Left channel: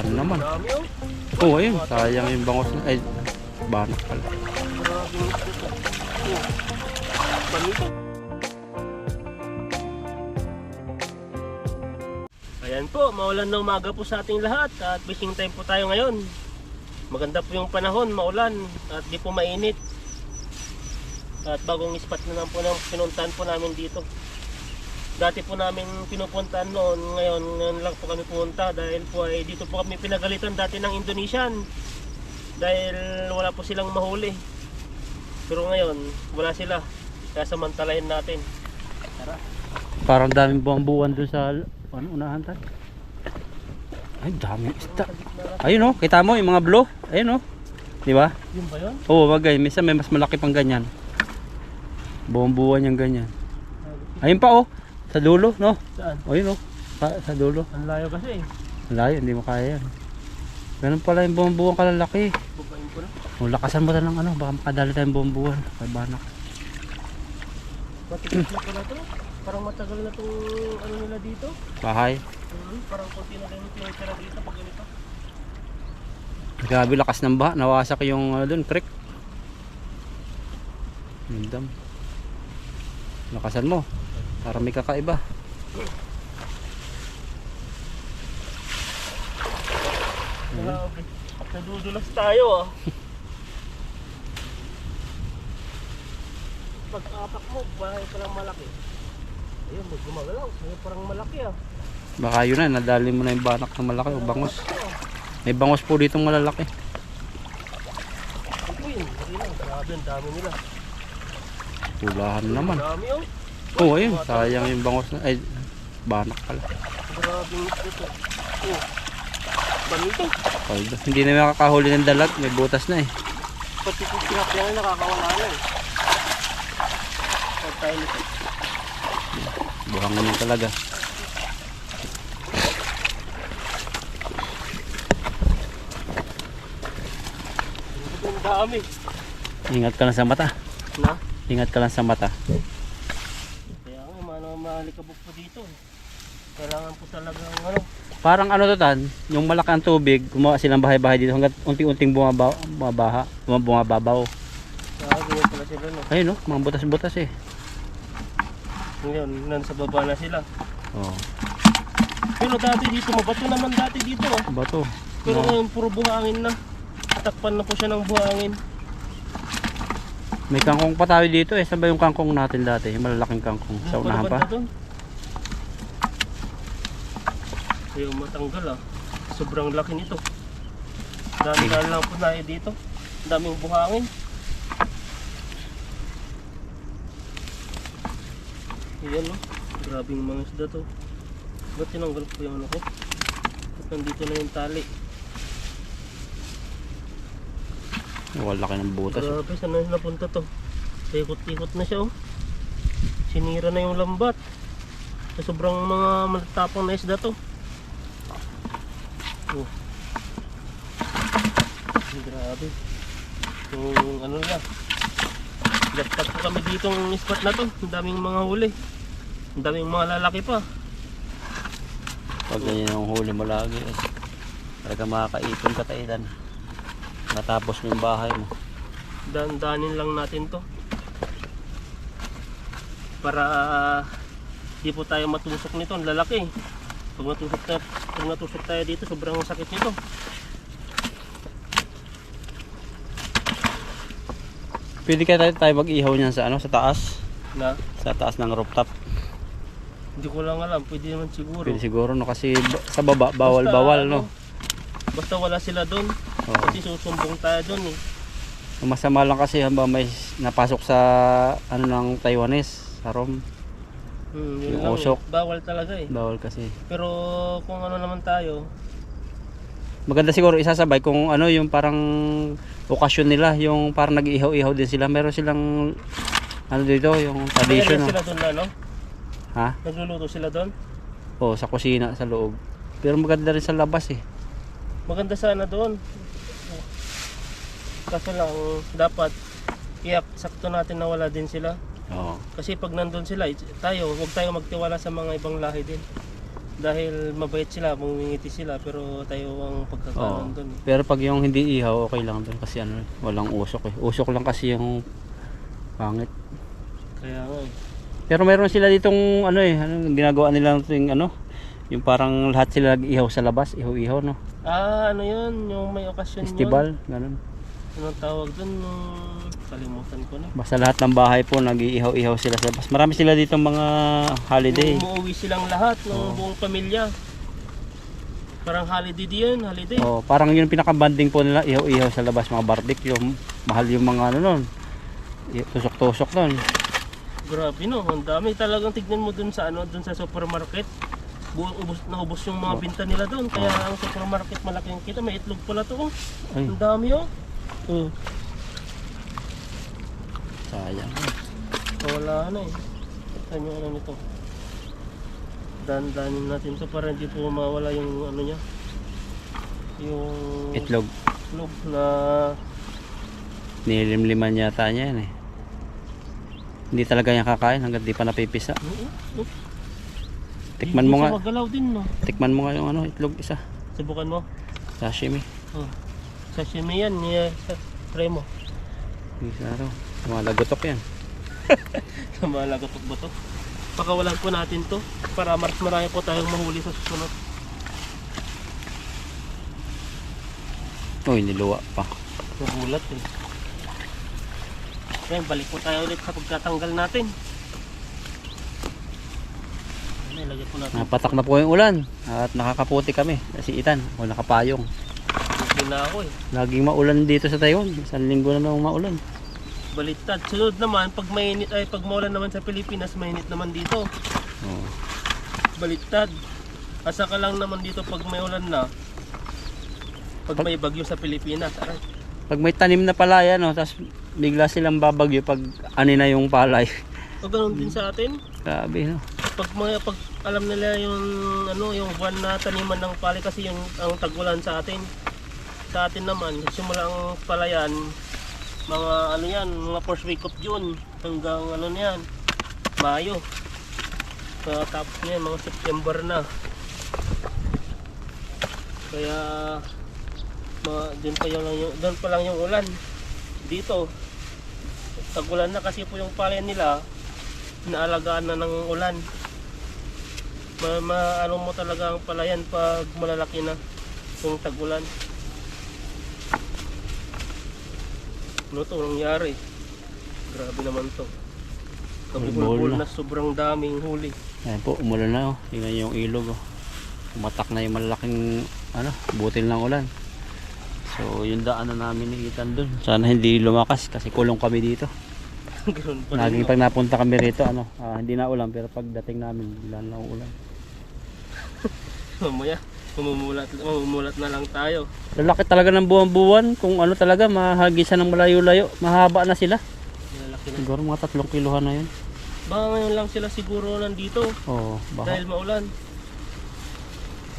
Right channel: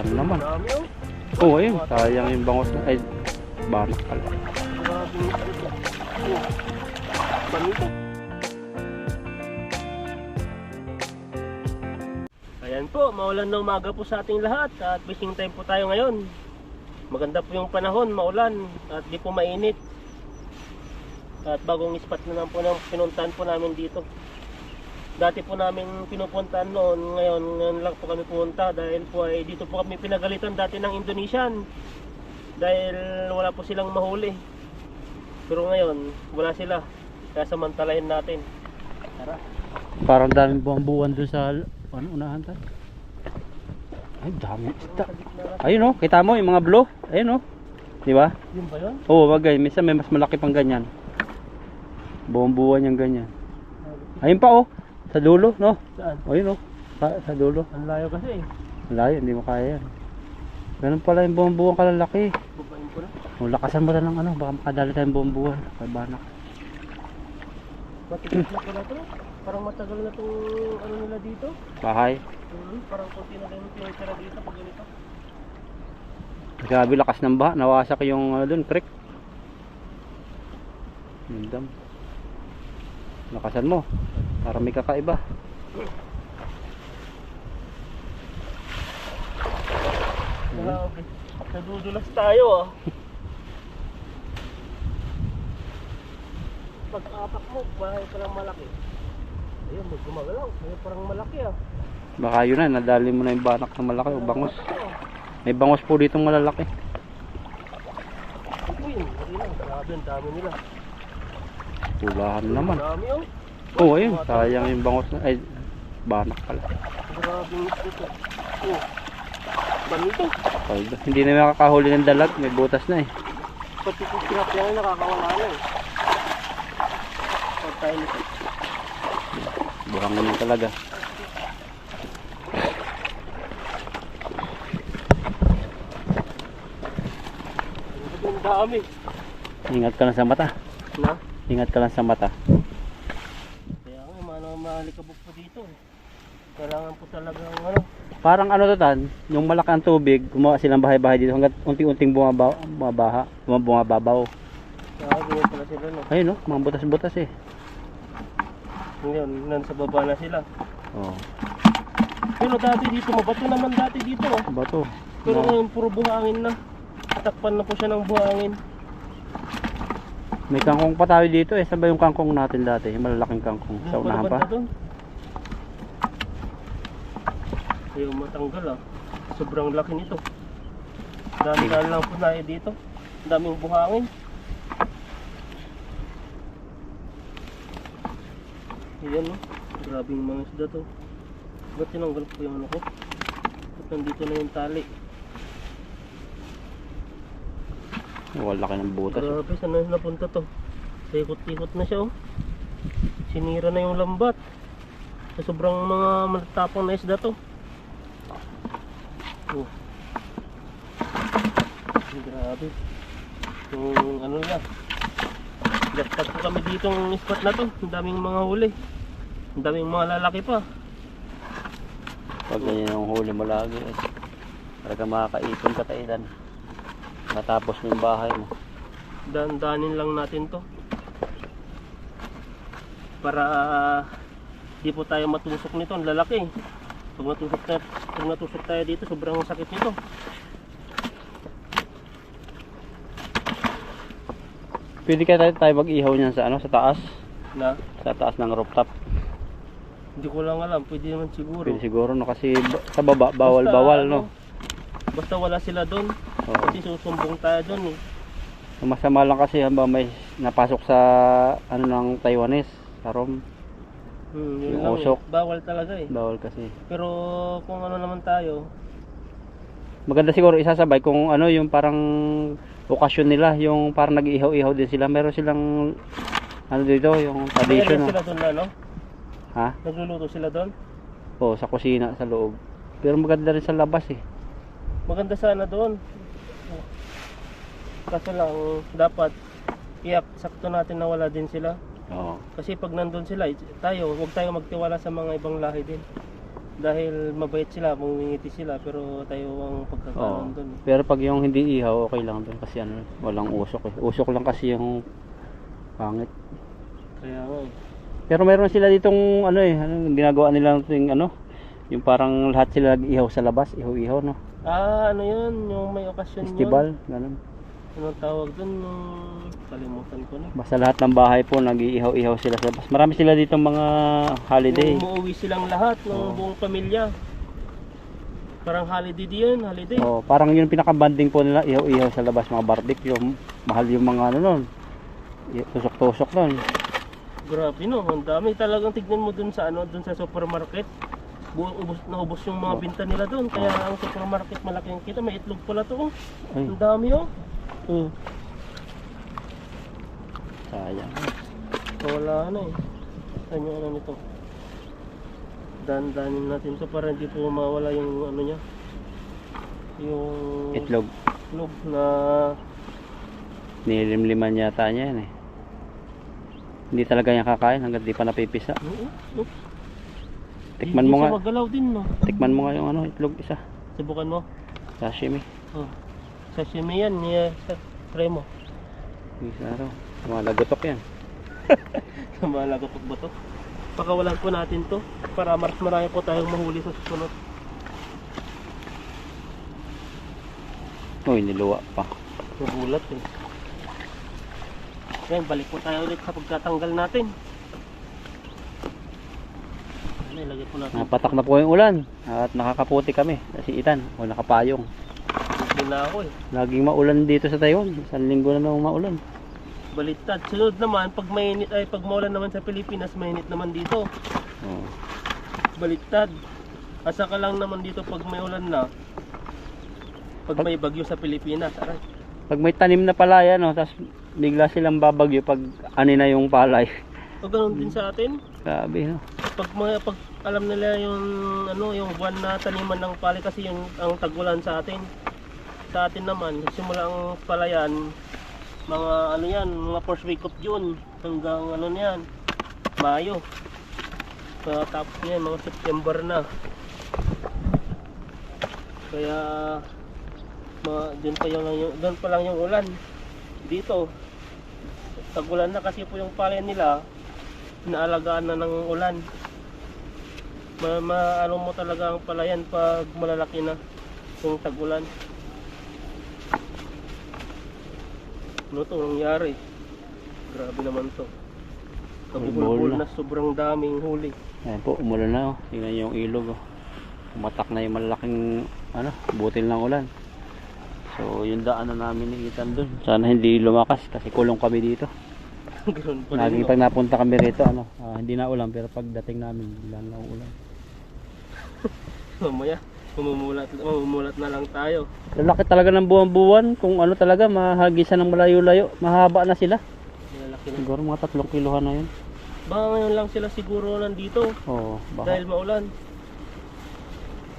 Wala naman. Marami oh. Oo, ayun. Sayang yung bangos na. Ay, banak pala. Maraming isda. Oh. Panito. Ayan po, maulan na umaga po sa ating lahat at fishing time po tayo ngayon. Maganda po yung panahon, maulan at di po mainit. At bagong spot na lang po ng pinuntahan po namin dito. Dati po namin pinupuntahan noon, ngayon lang po kami pumunta dahil po ay dito po kami pinagalitan dati ng Indonesian. Dahil wala po silang mahuli. Pero ngayon, wala sila. Kaya samantalahin natin. Tara. Parang daming buwan dun sa unahan tayo. Ay, dami isda. Ayun oh, kita mo yung mga blue. Ayun oh. Di ba? Yun ba yun? Oo, wagay. Minsan may mas malaki pang ganyan. Buwan yung ganyan. Ayun pa oh. Sa dulo, no? Saan? Ayun oh. Sa dulo. Ang layo kasi eh. Layo, hindi mo kaya yan. Ganun pala yung buwan kalalaki. Babain ko na. O, lakasan mo na ng ano, baka makadali tayong buwan. Kay banak. Matigas na pala ito. Parang matagal na itong ano nila dito. Bahay. Parang konti na lang yung tinitira dito pag ganito. Grabe lakas ng baha. Nawasak yung doon, creek. Dam. Lakasan mo. Para may kakaiba. Grabe. Nadudulas tayo ah. Pag-apak mo, bahay parang malaki. Ayun, gumagalaw. Ayun, parang malaki ah. Baka yun na, nadali mo na yung banak na malaki o bangos. May bangos po ditong malalaki. Ito yun, hindi lang. Grabe, ang dami nila. Pulahan naman. Dami oh. Oo, ayun. Sayang yung bangos na. Ay, banak pala. Grabe yung ito. Oh. Banito. Paldo. Hindi na makakahuli ng dalat. May butas na eh. Pati kung sinapya na nakakawala na eh. Pag tayo nito. Buhangan yun talaga. Ang dami. Ingat ka lang sa mata. Na? Ingat ka lang sa mata. Kaya nga, malikabok po dito. Kailangan po talagang ano. Parang ano to tan, yung malaki ang tubig, gumawa silang bahay-bahay dito hanggang unting-unting bumababaw. Ganyan pala sila no. Ayun no, mga butas-butas eh. Ngayon, nasa baba na sila. Oh, Pero dati dito, mabato naman dati dito ah. bato. Pero ngayon, puro buhangin na. Tatakpan na po siya ng buhangin. May kangkong pa tayo dito eh. Saan ba yung kangkong natin dati? Yung malalaking kangkong. Sa unahan pa? Ayaw matanggal ah. Sobrang laki nito. Dami-dami lang po na dito. Daming buhangin. Ayan no. Grabing mga isda to. Ba't tinanggal ko yung ano ko? At nandito na yung tali. Wala laki ng butas. Grabe, saan na napunta to? Ikot-ikot na siya oh. Sinira na yung lambat. Sobrang mga matatapang na isda to. Oh. Grabe. Yung ano na. Jackpot po kami dito ng spot na to. Ang daming mga huli. Ang daming mga lalaki pa. Pag ganyan yung huli mo lagi eh. Talaga makakaipon ka tailan. Matapos mo yung bahay mo. Danin lang natin to. Para di po tayo matusok nito. Ang lalaki. Pag natusok tayo dito, sobrang sakit nito. Pwede kaya tayo mag-ihaw niyan sa ano, sa taas? Na? Sa taas ng rooftop. Hindi ko lang alam. Pwede naman siguro. Pwede siguro no kasi sa baba bawal no. Basta wala sila doon. Oo. Kasi susumbong tayo doon eh. Masama lang kasi hamba may napasok sa ano ng Taiwanese, sa Rom. Yun Yung lang usok. eh. Bawal talaga eh. Bawal kasi. Pero kung ano naman tayo, Maganda siguro isasabay kung ano yung parang okasyon nila, yung parang nag-ihaw-ihaw din sila. Meron silang ano dito, yung tradition. mayroon sila doon na no? Ha? Nagluluto sila doon. Oo, sa kusina, sa loob. Pero maganda rin sa labas eh. Maganda sana doon. Kaso lang dapat sakto natin na wala din sila. Oo. Kasi pag nandun sila, tayo, huwag tayo magtiwala sa mga ibang lahi din. Dahil mabait sila, mumingiti sila, pero tayo ang Oo. pagkakaroon doon. Pero pag yung hindi ihaw, okay lang doon kasi ano, walang usok eh. Usok lang kasi yung pangit. Kaya nga eh. Pero meron sila ditong ano eh, ano, ginagawa nila yung ano, yung parang lahat sila nag-ihaw sa labas, ihaw-ihaw no. Ano yun, yung may okasyon Festival, ganun. yun. Anong tawag doon? Kalimutan ko na. Basta lahat ng bahay po nag-iihaw-ihaw sila sa labas. Marami sila ditong mga holiday. Yung umuwi silang lahat ng buong pamilya. Parang holiday din, holiday. Oh, parang yun pinaka-banding po nila, ihaw-ihaw sa labas, mga barbecue. Mahal yung mga ano nun. Tusok-tusok nun. Grabe no, ang dami talagang tignan mo dun sa ano, dun sa supermarket. Naubos yung mga binta nila doon. Kaya ang supermarket malaki ang kita. May itlog pala to. Oh. Ay. Ang dami oh. Sayang. Wala na eh. Saan yung ano nito? Dandanin natin to para hindi po mawala yung ano niya. Yung Itlog. itlog na Nilimliman yata niya yan eh. Hindi talaga niya kakain hanggang di pa napipisa. Tikman mo nga. Magalaw din no. Tikman mo nga yung ano, itlog isa. Subukan mo. Sashimi. Oh. Sashimi yan, try mo. Isa raw. Mga lagotok yan. Malagotok ba to? Pakawalan po natin to para mas marami po tayong mahuli sa susunod. Uy, niluwa pa. Nagulat eh. Yan, balik po tayo ulit sa pagkatanggal natin. Ano, ilagay po natin. Napatak na po yung ulan at nakakaputi kami. Si Itan, o nakapayong. Hindi na ako eh. Laging maulan dito sa Taiwan. Isang linggo na nang maulan. Baliktad. Sunod naman, pag mainit ay pag maulan naman sa Pilipinas, mainit naman dito. Oh. Baliktad. Asa ka lang naman dito pag may ulan na. Pag may bagyo sa Pilipinas, aray. Pag may tanim na palaya, no, tapos bigla silang babagyo pag ani na yung palay. O ganun din sa atin. Grabe, no? Pag alam nila yung ano, yung buwan na taniman ng palay kasi yung ang tagulan sa atin. Sa atin naman, simula ang palayan, mga ano yan, mga first week of June hanggang ano na yan, Mayo. Tapos niyan, mga September na. Kaya doon pa lang yung ulan. Dito tagulan na kasi po yung palay nila, inaalagaan na ng ulan. Ano mo talaga ang palayan pag malalaki na yung tagulan. Ano to nangyari? Grabe naman to. Kabulbul na sobrang daming huli. Ayan po, umulan na, oh. Tingnan yung ilog, oh. Umatak na yung malaking ano, butil ng ulan. So yung daan na namin ni Itan dun. Sana hindi lumakas kasi kulong kami dito. Ganoon pa rin. Laging pag napunta kami rito, ano, hindi na ulan, pero pagdating namin, bigla na ulan. Mamaya, mamumulat na lang tayo. Lalaki talaga ng buwan-buwan, kung ano talaga, mahagisan ng malayo-layo, mahaba na sila. Malalaki na. Siguro mga 3 kilohan na yun. Baka ngayon lang sila siguro nandito Oo, baka. dahil maulan.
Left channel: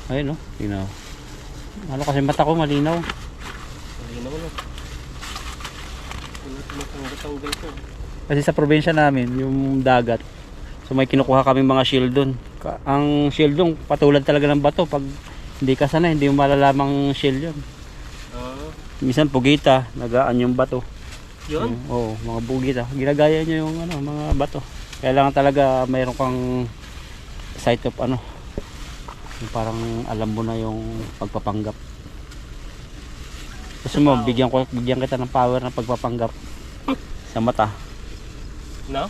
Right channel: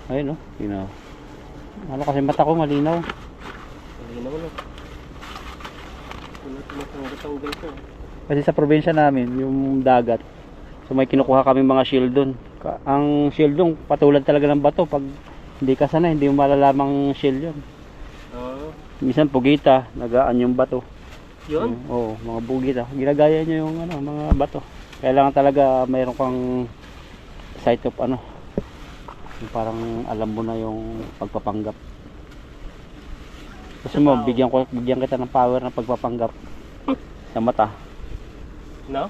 Ayun, no, tingnan. Ano kasi mata ko malinaw. Malinaw na. Tinatanggal ko. Kasi sa probinsya namin, yung dagat, so may kinukuha kaming mga shield dun. Ang shield dun, patulad talaga ng bato. Pag hindi ka sanay, hindi mo malalamang shield yun. Minsan pugita, nagaan yung bato. Yun? Oo, mga pugita. Ginagaya nyo yung ano, mga bato. Kailangan talaga mayroon kang sight of ano, yung parang alam mo na yung pagpapanggap. Gusto mo, bigyan kita ng power ng pagpapanggap sa mata. No?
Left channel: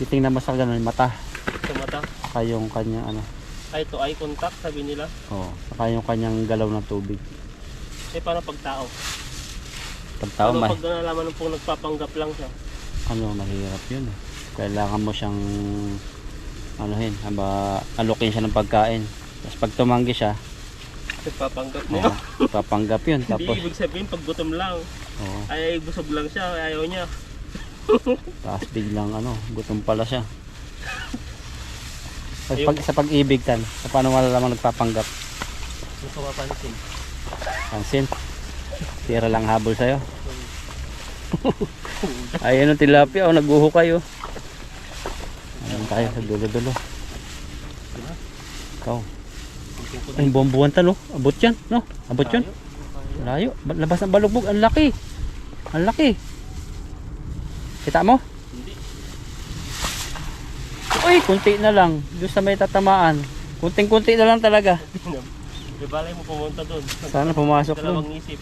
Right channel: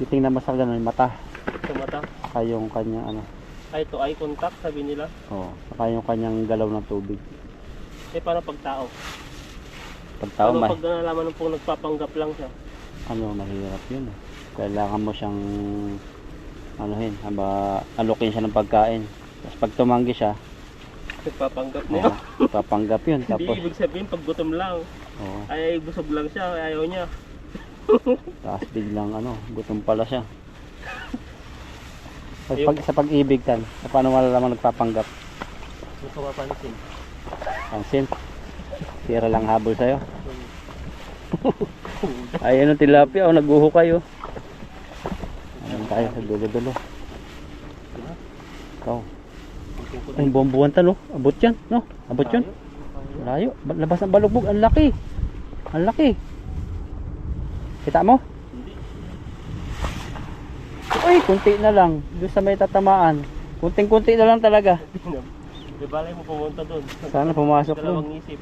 Titingnan mo sa ganun, mata. Sa mata? Saka yung kanyang ano. Ay, to eye contact sabi nila. Oo, saka yung kanyang galaw ng tubig. Eh, paano pag tao? Pag tao, Paano pag nalaman mo pong nagpapanggap lang siya? ano, mahirap yun eh. Kailangan mo siyang anuhin, alukin siya ng pagkain. Tapos pag tumanggi siya, Nagpapanggap na yun. papanggap yun. Hindi Tapos, ibig sabihin pag gutom lang. oo, Ay, busog lang siya. Ayaw niya. tapos biglang ano, gutom pala siya. Sa pag-ibig tan, paano malalaman nagpapanggap? Hindi ko mapansin. Pansin, tira lang habol sa'yo. Ayan ang tilapia, oh, naghuhukay oh. Ayan tayo sa dulo-dulo. Ikaw. Ay, buwan-buwan ta, no? Abot yan, no? Abot yun. Layo. Labas ng balugbog. Ang laki. Ang laki. Kita mo? Hindi. Uy, kunti na lang. Doon sa may tatamaan. Kunting-kunti na lang talaga. Di balay mo pumunta doon. Sana pumasok Dalawang doon. isip.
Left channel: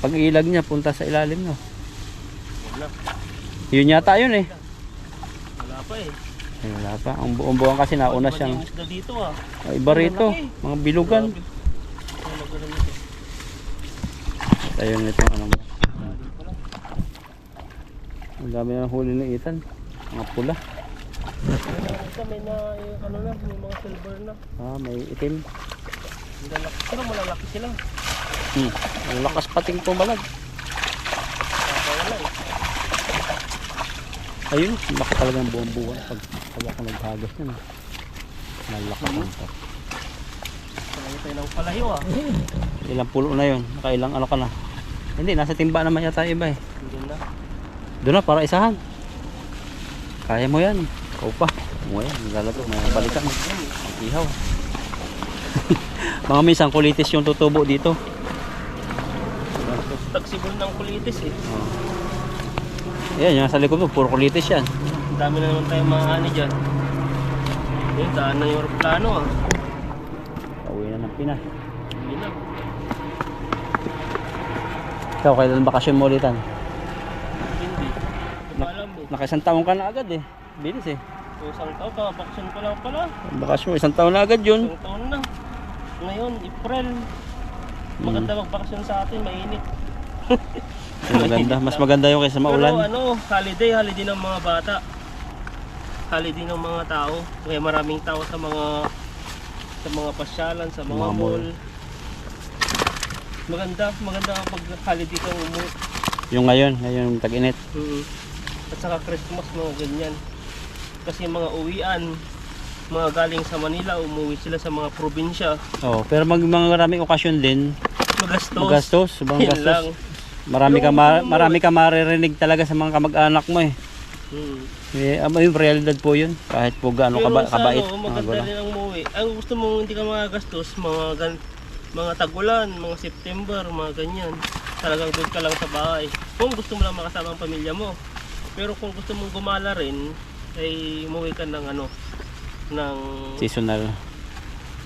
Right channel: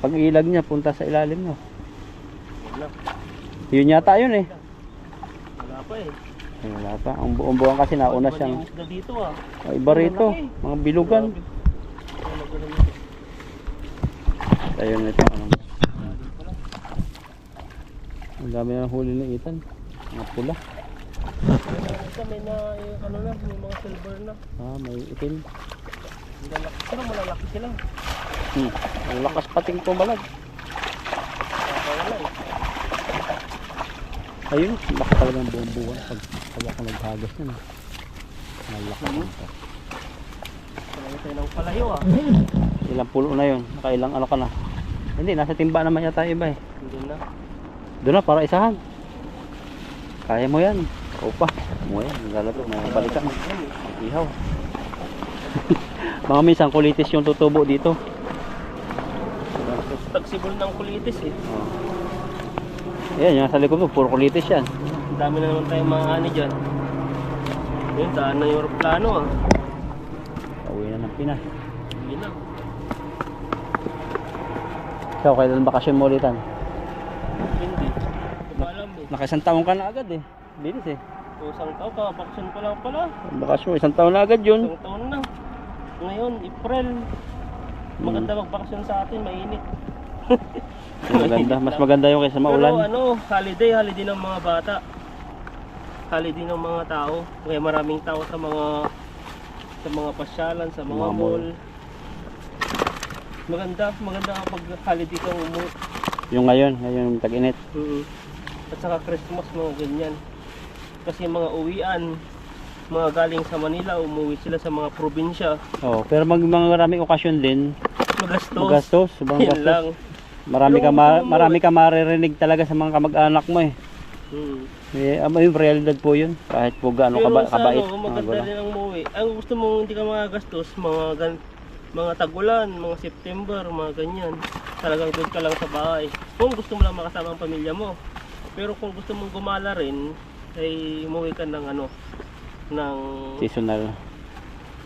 Pag ilag niya, punta sa ilalim, no? Yan na. Yun yata yun eh. Wala pa eh. Ay, wala pa. Ang buong buwan kasi nauna Iba siyang... yung isda dito ah. Iba rito. Mga bilugan. Grabe. Wala ganun ito. Ayun ito. Ano ba? Ang dami na huli ng itan. Mga pula. Ito may na yung ano na, may mga silver na. Ah, may itim. Ang lalaki. Pero malalaki sila. Ang lakas pating tumalag. Wala eh. Ayun, laki talaga ng buong buwan pag ako naghagos nun. Malaki ito. Kailangan tayo ng palayo ah. Ilang pulo na yun. Nakailang ano ka na. Hindi, nasa timba naman yata iba eh. Doon na. Doon na, para isahan. Kaya mo yan. Ikaw pa. Mo yan. Lalato. May balikan. Ihaw. Mga minsan kulitis yung tutubo dito. Tagsibol ng kulitis eh. Oh. Yan, yung nasa likod mo, puro kulitis yan. Ang dami na naman tayong mga ano dyan. Yun, daan na yung aeroplano ah. Pauwi na ng Pinas. Yun na. Ikaw, kailan bakasyon mo ulitan? Hindi. Hindi ko alam eh. Naka-isang taon ka na agad eh. Bilis eh. So, isang taon ka, bakasyon pa lang pala. Bakasyon, isang taon na agad yun. Isang taon na. Ngayon, April. Maganda magbakasyon sa atin, mainit. Maganda. Mas maganda yung kaysa maulan. Pero ano, holiday ng mga bata. Holiday ng mga tao. Kaya maraming tao sa mga pasyalan, sa mga Mga mall. mall. Maganda kapag holiday kang umuwi. Yung ngayon tag-init. At saka Christmas, mga ganyan. Kasi mga uwian, mga galing sa Manila, umuwi sila sa mga probinsya. Oh, pero mga maraming okasyon din. Magastos. Magastos, sobrang Yan gastos. lang. Marami ka maririnig talaga sa mga kamag-anak mo eh. Yung realidad po yun. Kahit po gaano Pero sa kabait. ano, maganda rin ang umuwi. Ang gusto mo hindi ka magagastos, mga tag-ulan, mga September, mga ganyan. Talagang doon ka lang sa bahay. Kung gusto mo lang makasama ang pamilya mo. Pero kung gusto mong gumala rin, ay umuwi ka ng ano, ng Seasonal.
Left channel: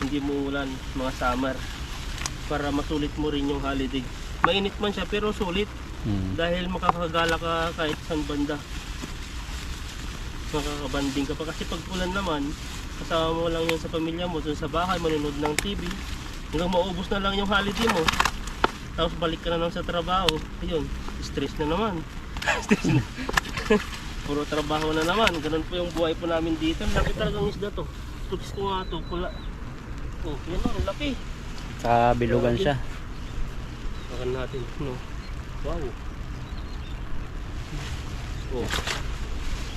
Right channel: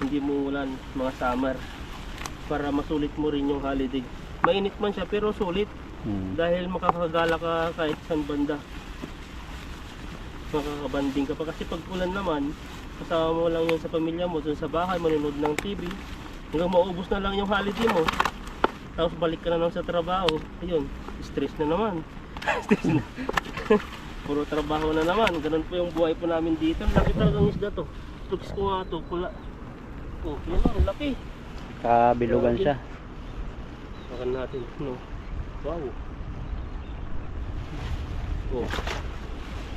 hindi mo ulan, mga summer. Para masulit mo rin yung holiday. Mainit man siya pero sulit. Dahil makakagala ka kahit saan banda. Makakabanding ka pa. Kasi pag ulan naman, kasama mo lang yun sa pamilya mo, dun sa bahay, manonood ng TV. Hanggang maubos na lang yung holiday mo. Tapos balik ka na lang sa trabaho. Ayun, stress na naman. Stress na. Puro trabaho na naman. Ganun po yung buhay po namin dito. Laki talagang isda to. Tugs ko nga to. Pula. Oh, yun na, ang laki. Sa bilugan siya. Makan natin, no? Wow. Oh.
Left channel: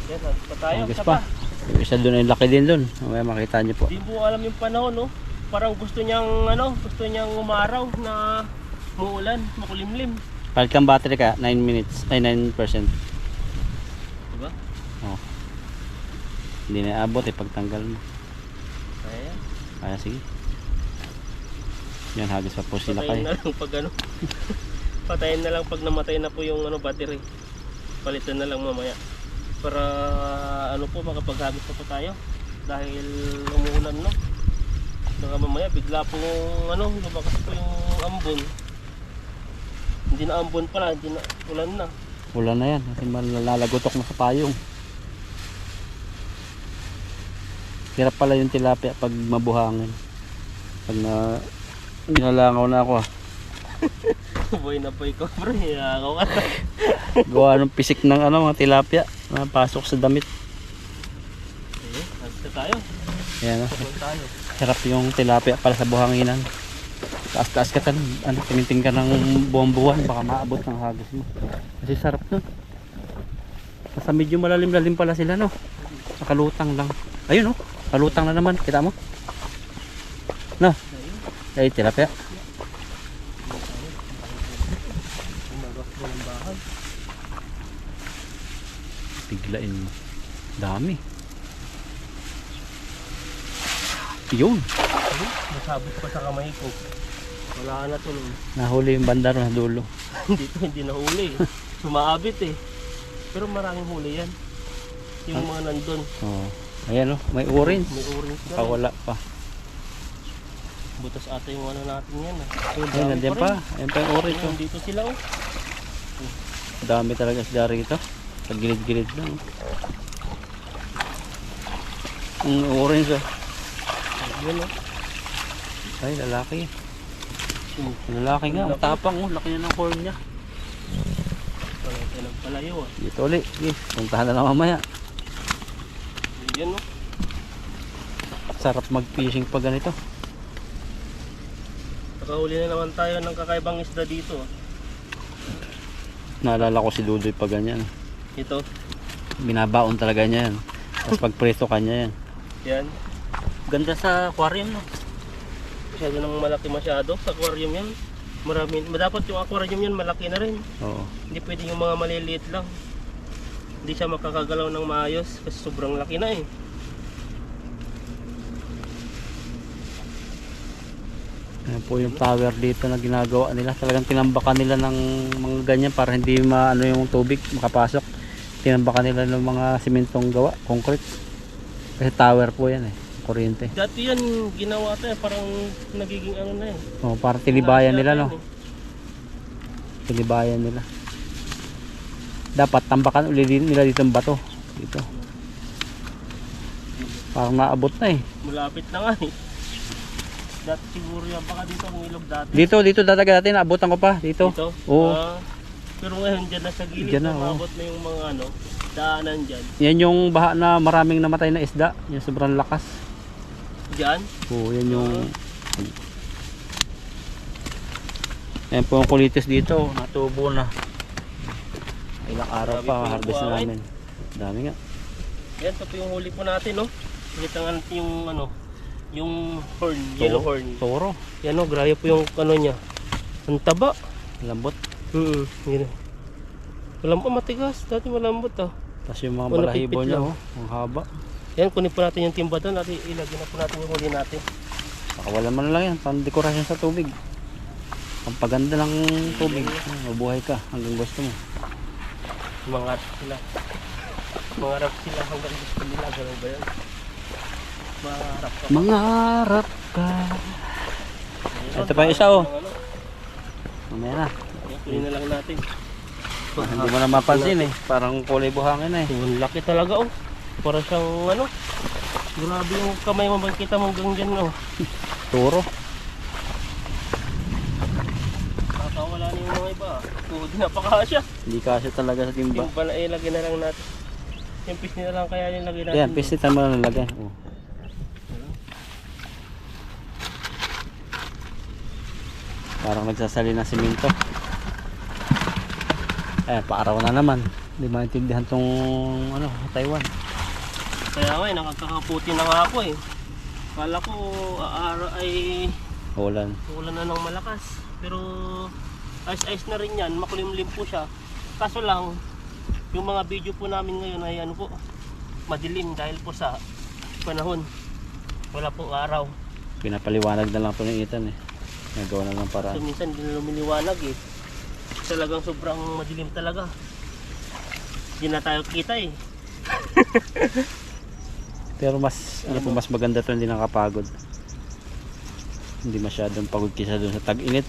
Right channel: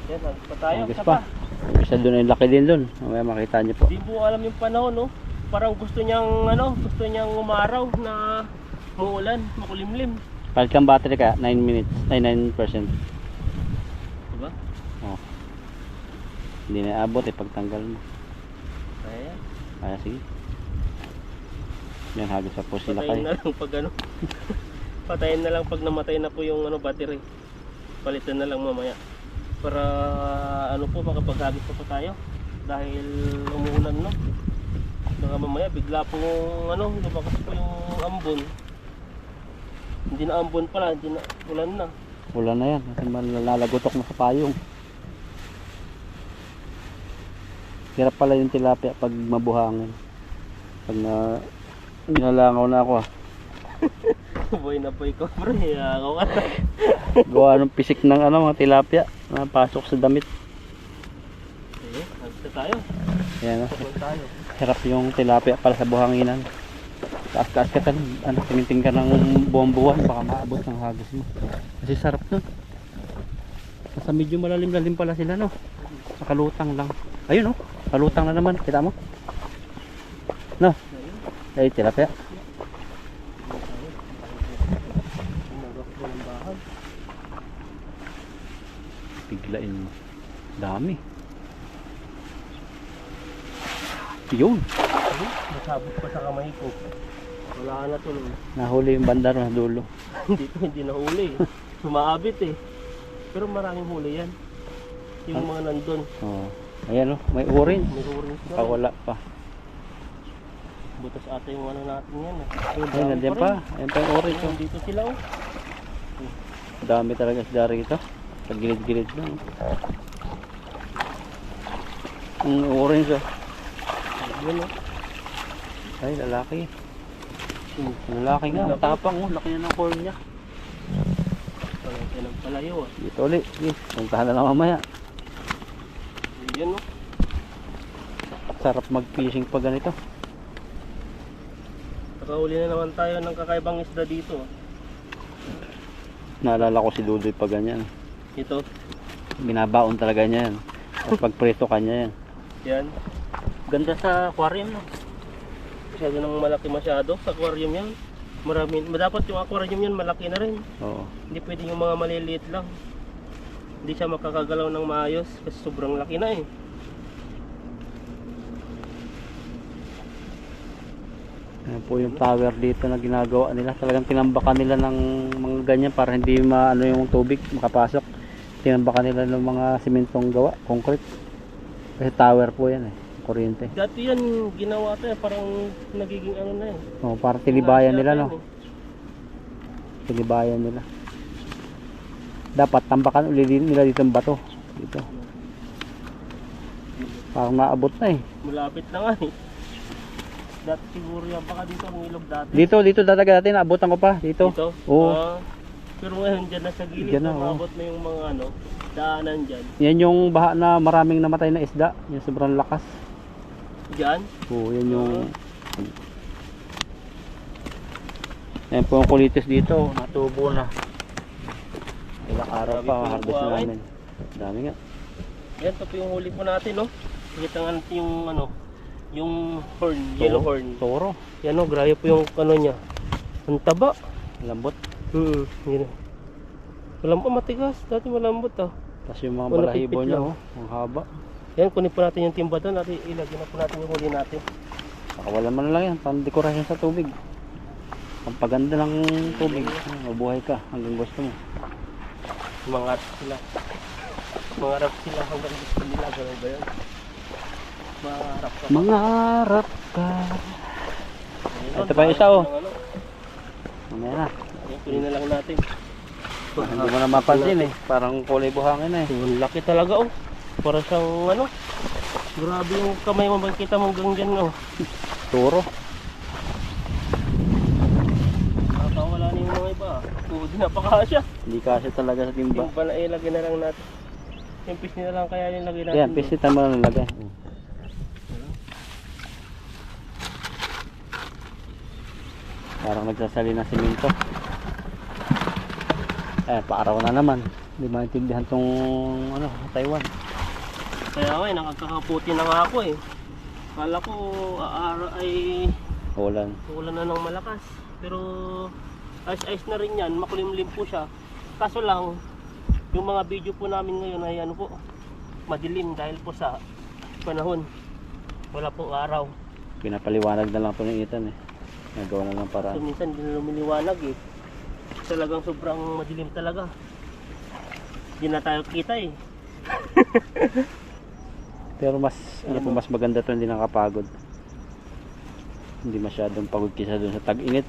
Yan, halos pa tayo. Agos Isa pa. pa. Isa doon ay laki din doon. Mamaya makita niyo po. Di mo alam yung panahon, no? Parang gusto niyang, gusto niyang umaraw na muulan, makulimlim. Palit kang battery ka, 9 minutes. Ay, 9%. Diba? Oh. Hindi na abot eh pagtanggal mo. Kaya, Kaya sige. Yan, hagis pa po sila patayin kayo. na lang pag ano. Patayin na lang pag namatay na po yung battery. Palitan na lang mamaya. Para ano po, makapaghagis pa po tayo. Dahil umuulan, no? Baka mamaya bigla po lumakas po yung ambon. Hindi na ambon pala, hindi na ulan na. Wala na yan. Kasi malalagotok na sa payong. Hirap pala yung tilapia pag mabuhangin. Pag nilalangaw na ako ah. Boy na boy ko, bro. Ako ka. Gawa ng pisik ng mga tilapia na pasok sa damit. Eh, hagis na tayo. Yan ah. Sabon tayo. Sarap yung tilapia pala sa buhanginan. Taas-taas ka tuminting ka ng buwan-buwan, baka maabot ng hagis mo. Kasi sarap nun. Nasa medyo malalim-lalim pala sila, no? Nakalutang lang. Ayun, no? Kalutang na naman. Kita mo? No? Ay, tilapia. Biglain mo. Dami. Yun. Nasabot pa sa kamay ko. Wala na tuloy. Nahuli yung bandar na dulo. Dito hindi nahuli. Sumaabit eh. Pero maraming huli yan. Yung mga nandun. Oh. Ayan oh, may orange. May orange na rin. Wala pa. Butas ata yung ano natin yan. Ayun, nandiyan pa. Ayun pa yung orange. Oh. Dito sila oh. Dami talaga isda rito. Sa gilid-gilid lang. Ang orange oh. Yan oh. Ay, lalaki. Lalaki nga. Tapang oh. Laki na ng corn niya. Palay ng palayo ah. Dito ulit. Sige, puntahan na lang mamaya. Yan oh. Sarap mag-fishing pag ganito. Nakahuli na naman tayo ng kakaibang isda dito ah. Naalala ko si Dudoy pag ganyan. Ito. Binabaon talaga niya yan. Tapos pag preso kanya yan. Yan. Ganda sa aquarium no? Masyado nang malaki masyado sa aquarium yan. Marami. Dapat yung aquarium yan malaki na rin. Oo. Hindi pwede yung mga maliliit lang. Hindi siya makakagalaw ng maayos kasi sobrang laki na eh. Yan po yung tower dito na ginagawa nila. Talagang tinambakan nila ng mga ganyan para hindi maano yung tubig makapasok. Tinambakan nila ng mga simentong gawa, concrete. Kasi tower po yan eh, kuryente. Dati yan ginawa tayo parang nagiging ano na eh. Oh, para tilibayan nila no. Yan, eh. Tilibayan nila. Dapat tambakan uli nila dito ang bato. Dito. Parang naabot na eh. Malapit na nga eh. Dati siguro yan baka dito ang ilog dati. Dito dadaga natin, naabutan ko pa dito. Dito? Oo. Pero ngayon dyan na sa gilid Dyan na, na maabot na yung mga ano, daanan dyan. Yan yung baha na maraming namatay na isda, yung sobrang lakas. Dyan? Oo, yan yung yan po yung kulitis dito, natubo na. Ilang araw Grabe pa, po yung harvest na buhangin. namin. Dami nga. Yan, ito po yung huli po natin, no? Kita nga natin yung ano, yung horn, yellow horn. Toro, Yan o, grabe po yung ano niya. Ang taba. lambot. Yun. Malambot, matigas. Dati malambot ah. Tapos yung mga Ano, balahibo pipit niya, lang. oh, ang haba. Yan, kunin po natin yung timba doon. At ilagyan na po natin yung huli natin. Nakawalan mo na lang yan, pang dekorasyon sa tubig. Ang paganda ng tubig. Mabuhay ka hanggang gusto mo. Mangarap sila. Mangarap sila hanggang gusto nila. Ganun ba yan? Mangarap ka. Mangarap ka. Ayun, Ito pa yung isa, oh. ano. Mamaya na. Yan, kunin na lang natin. Hindi mo na mapansin eh. Parang kulay buhangin na eh. Ang laki talaga oh. Para siyang ano. Grabe yung kamay mo makikita mo hanggang dyan oh. Toro. Nakakawala na yung mga iba. Tuhod na pakasya. Hindi kasi talaga sa timba. Yung pala ilagay na lang natin. Yung piece nila lang kaya nilagay natin. Yan, pisitan mo na nalagay. Oh. Parang nagsasali ng simento. Paaraw na naman. Hindi maintindihan tong ano, Taiwan. Kaya nga nakakakaputi na nga ako eh. Kala ko ay Ulan. ulan na ng malakas. Pero ice na rin yan. Makulimlim po siya. Kaso lang, yung mga video po namin ngayon ay ano po, madilim dahil po sa panahon. Wala pong araw. Pinapaliwanag na lang po ng Ethan eh. Nagawa na lang So para. minsan hindi na lumiliwanag eh. Talagang sobrang madilim talaga. Hindi na tayo kita eh. Pero mas, ano po, mas maganda to, hindi nakapagod. Hindi masyadong pagod kisa doon sa tag-init.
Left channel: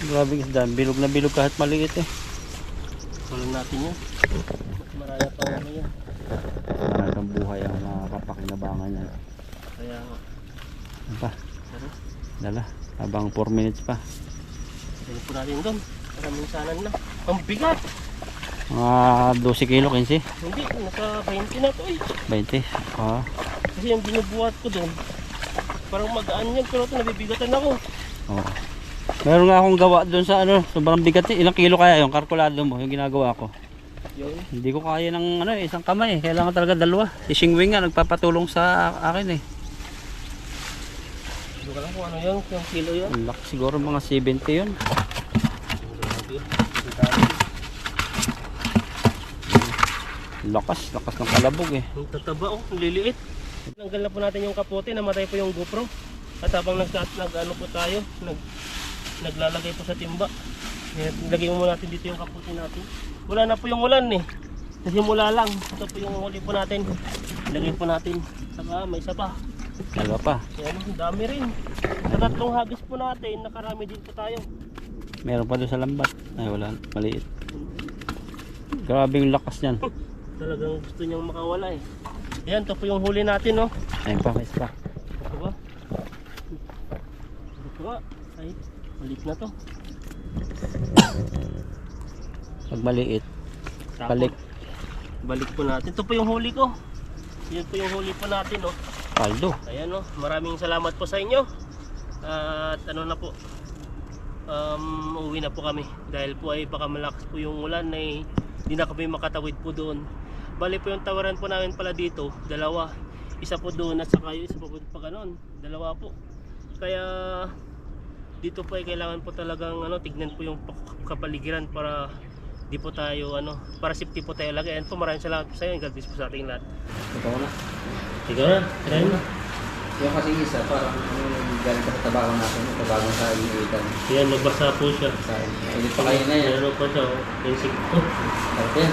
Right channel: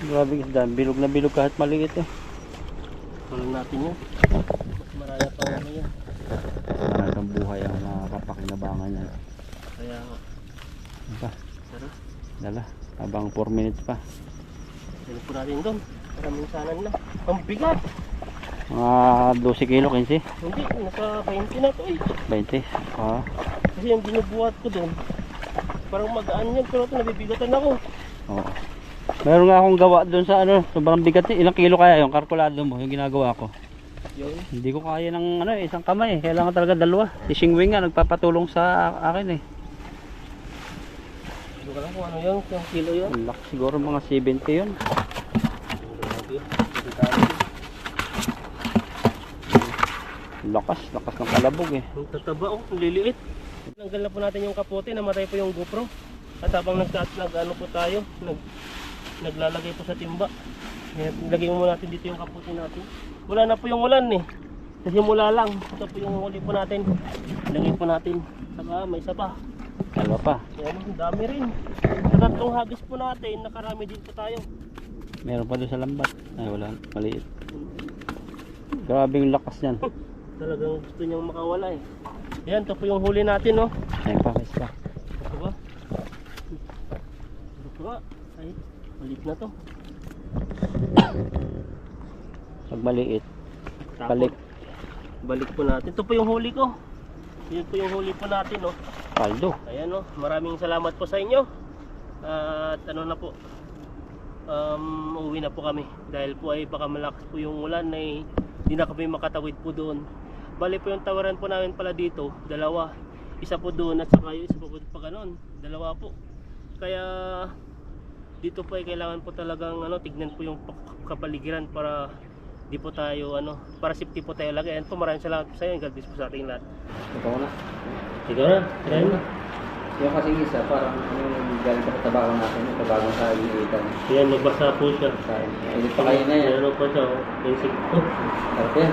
Grabe isda, bilog na bilog kahit maliit eh. Walang natin yan. Mas maraya pa ano yan. Maraming buhay ang nakapakinabangan niya. Kaya nga. Ano pa? Tara. Dala, habang 4 minutes pa. Dali po natin doon. Para minsanan na. Ang bigat! Mga 12 kilo, 15? Hindi, nasa 20 na to eh. 20? Ah. Kasi yung binubuhat ko doon, parang magaan yan. Pero ito nabibigatan ako. Oo. Meron nga akong gawa doon sa ano, sobrang bigat eh. Ilang kilo kaya yung kalkulado mo, yung ginagawa ko. Yun. Hindi ko kaya ng ano, isang kamay. Kailangan talaga dalawa. Fishing wing nga, nagpapatulong sa akin eh. Hindi ko lang kung ano yun, yung kilo yun. Ang laki siguro mga 70 yun. Grabe. Lakas ng kalabog eh. Ang tataba oh, ang liliit. Tanggal na po natin yung kapote, namatay po yung GoPro. At habang nag-ano po tayo, naglalagay po sa timba. Lagay mo natin dito yung kapote natin. Wala na po yung ulan eh. Kasi mula lang. Ito po yung huli po natin. Lagay po natin. Saka may isa pa. Dalawa pa. Yan, dami rin. Sa tatlong hagis po natin, nakarami din po tayo. Meron pa doon sa lambat. Ay wala, maliit. Grabe yung lakas niyan. Talagang gusto niyang makawala eh. Yan, ito po yung huli natin, no? Ayun pa, may isa. Ito ba? Ito ba? Ay, maliit na to. Pag maliit, Tapos, balik. balik po natin. Ito po yung huli ko. Yan po yung huli po natin, no? Paldo. Ayan, no? Maraming salamat po sa inyo. At ano na po, uuwi na po kami. Dahil po ay baka malakas po yung ulan ay hindi na kami makatawid po doon. Bali po yung tawaran po namin pala dito, dalawa. Isa po doon at saka yung isa po pa ganon. Dalawa po. Kaya dito po ay kailangan po talagang tignan po yung kapaligiran para di po tayo para safety po tayo lagi. And po maraming salamat po sa inyo. God bless po sa ating lahat. Ito na. Ikaw na, try mo. Yung kasi isa, parang galing sa tabaho natin, yung tabaho sa iniitan. Ayan, nagbasa po siya. Ulit pa kayo na yan. Meron pa siya, oh. Insect po. Sarap yan.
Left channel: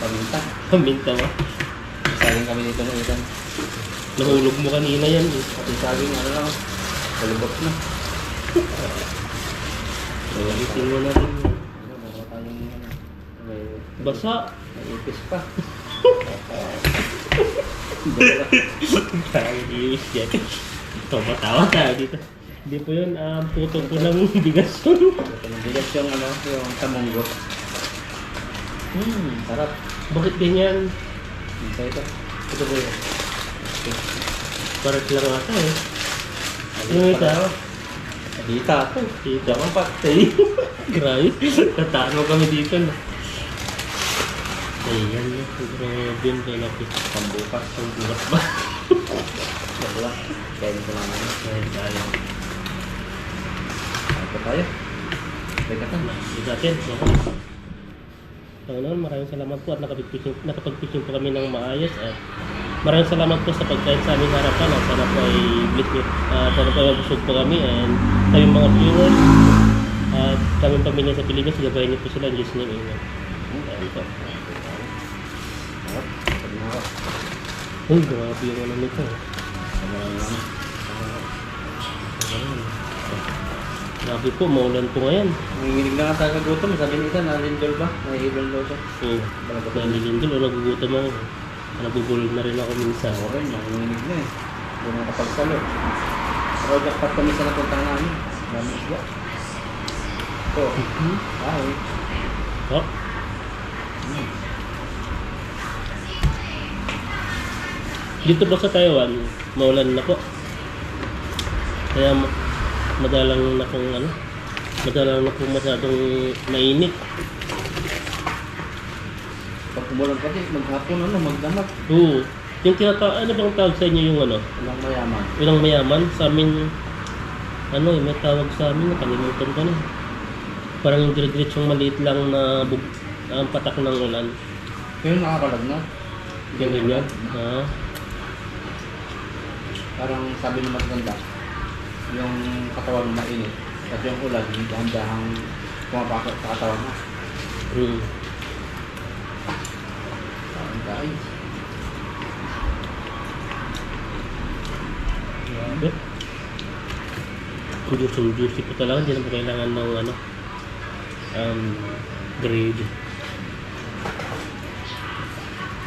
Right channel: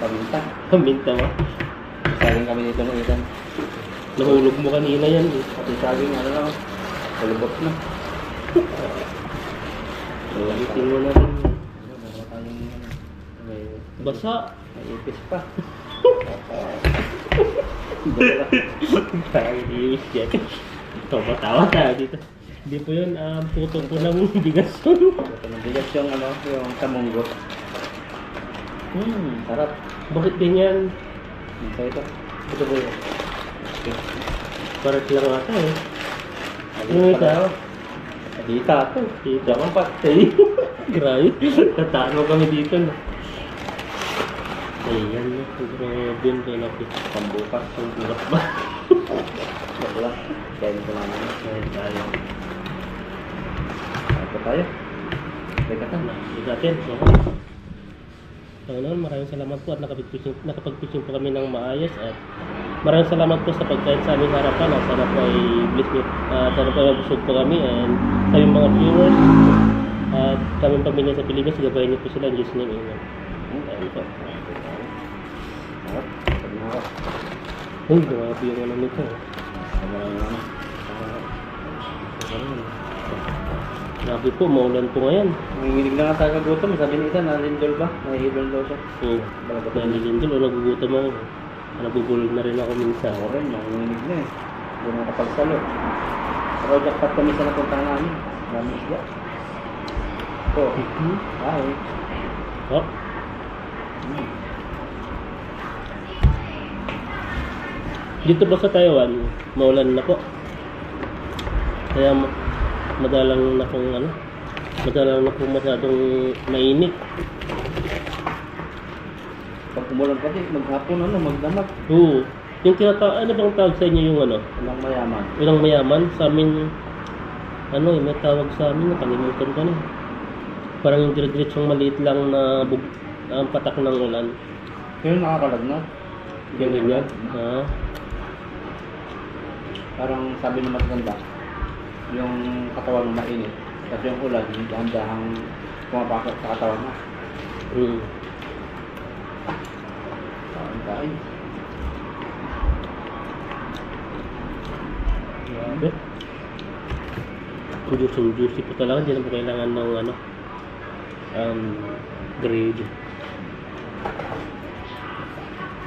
Paminta. Paminta mo. Saging kami dito ng itan. Nahulog mo kanina yan eh. Pati saging, lang, kalubot na. Itin mo na rin yan. Meron tayong may Basa. may ipis pa. Iiwis yan. Ito, matawa tayo dito. Hindi po yun, puto po ng bigas yun. Ito ng bigas yung tamunggo. Sarap. Bakit ganyan? Minsa ito. Ito po yun. Parat lang ata eh. Ano ito? Dita ito. Dito ang patay. Grabe. Tatano kami dito na. Ayan na. Grabe yun kayo natin. Pambukas. Pagbukas ba? Wala. Kaya nito naman. Ayan tayo. Ito tayo. Teka ta. Ito natin. Panginoon, maraming salamat po at nakapag-fishing po kami ng maayos at maraming salamat po sa pagkain sa aming harapan at sana po ay bless nyo at sana po ay mabusog po kami and kaming mga viewers at kaming pamilya sa Pilipinas, gabayan niyo po sila in Jesus' name, amen. Ayan po. Sarap. Pagbukas. Uy, grabe yung ano nito. Grabe po, maulan po ngayon. Nanginginig na nga tayo kagutom. Sabi ni Ethan, nalindol ba? Nahihilol daw siya. Oo, nalilindol o nagugutom ako. Nabubulog na rin ako minsan. Ako rin, nanginginig na eh. Hindi na kapagsalo. Pero jackpot kami sa napuntahan namin. Dami isya. Ito. Ay. Oh. Dito po sa Taiwan, maulan na po. Kaya madalang na kung madalang na kung masyadong mainit. Pag umulan kasi, maghapon magdamag. Oo. Yung ano bang tawag sa inyo yung Walang mayaman. Ilang mayaman? Sa amin, may tawag sa amin, nakalimutan ko na. Parang yung dire-diretsong maliit lang na patak ng ulan. Pero nakakalagnat. Ganyan yan. Ha? Parang sabi ng matanda, yung katawan mo mainit. Kasi yung ulan, dahan-dahang pumapasok sa katawan mo. Kain. Grabe. Juicy po talaga. Hindi na po kailangan ng grade.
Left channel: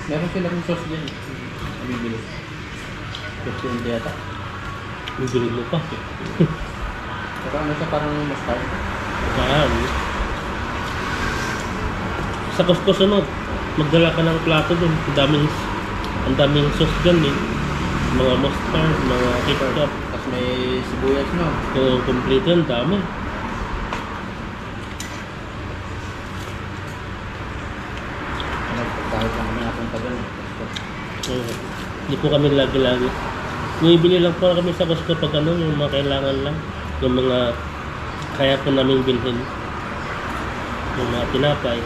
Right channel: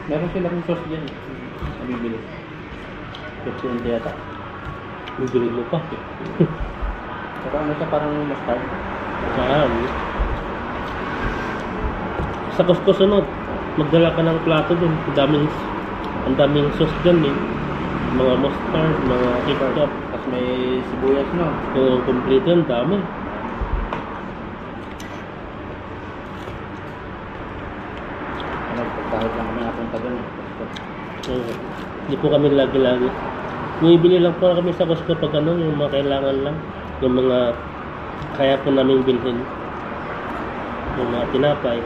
Meron silang sauce dyan. Nabibili. Kasi hindi yata. Bibili mo pa. Pero siya parang mustard. Sa Costco sunod, magdala ka ng plato dun. Ang daming sauce dyan eh. Mga mustard, mga ketchup. Tapos may sibuyas no. Yung complete yun, dami. Pagkahit lang kami napunta dun. Hindi po kami lagi-lagi. Bumibili lang po kami sa Costco pag yung mga kailangan lang. Yung mga kaya po namin bilhin. Yung mga tinapay.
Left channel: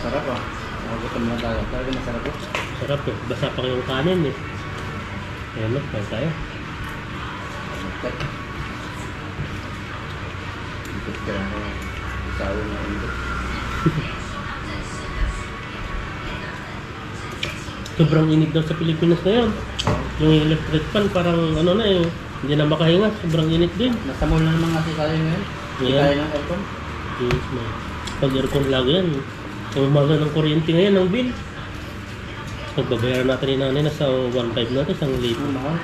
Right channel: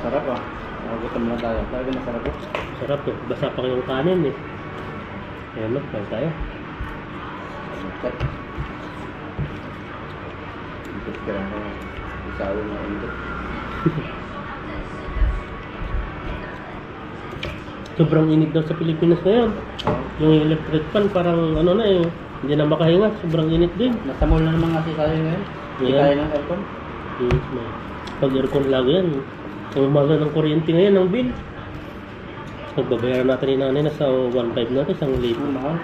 Sarap ah. Gutom lang tayo. Talaga masarap po. Sarap eh. Basa pa yung kanin eh. Ayan no, kain tayo. Ikot ka lang ako. Isawi na ikot. Sobrang init daw sa Pilipinas ngayon. Yung electric fan parang ano na eh. Hindi na makahinga. Sobrang init din. Nasa mall na naman kasi tayo ngayon. Hindi Yeah. kaya ng aircon. Yes, pag aircon lagi yan. Ang mahal ng kuryente ngayon, ng bill. Pagbabayaran natin ni nanay na sa 1.5 natin, isang libo. Mahal.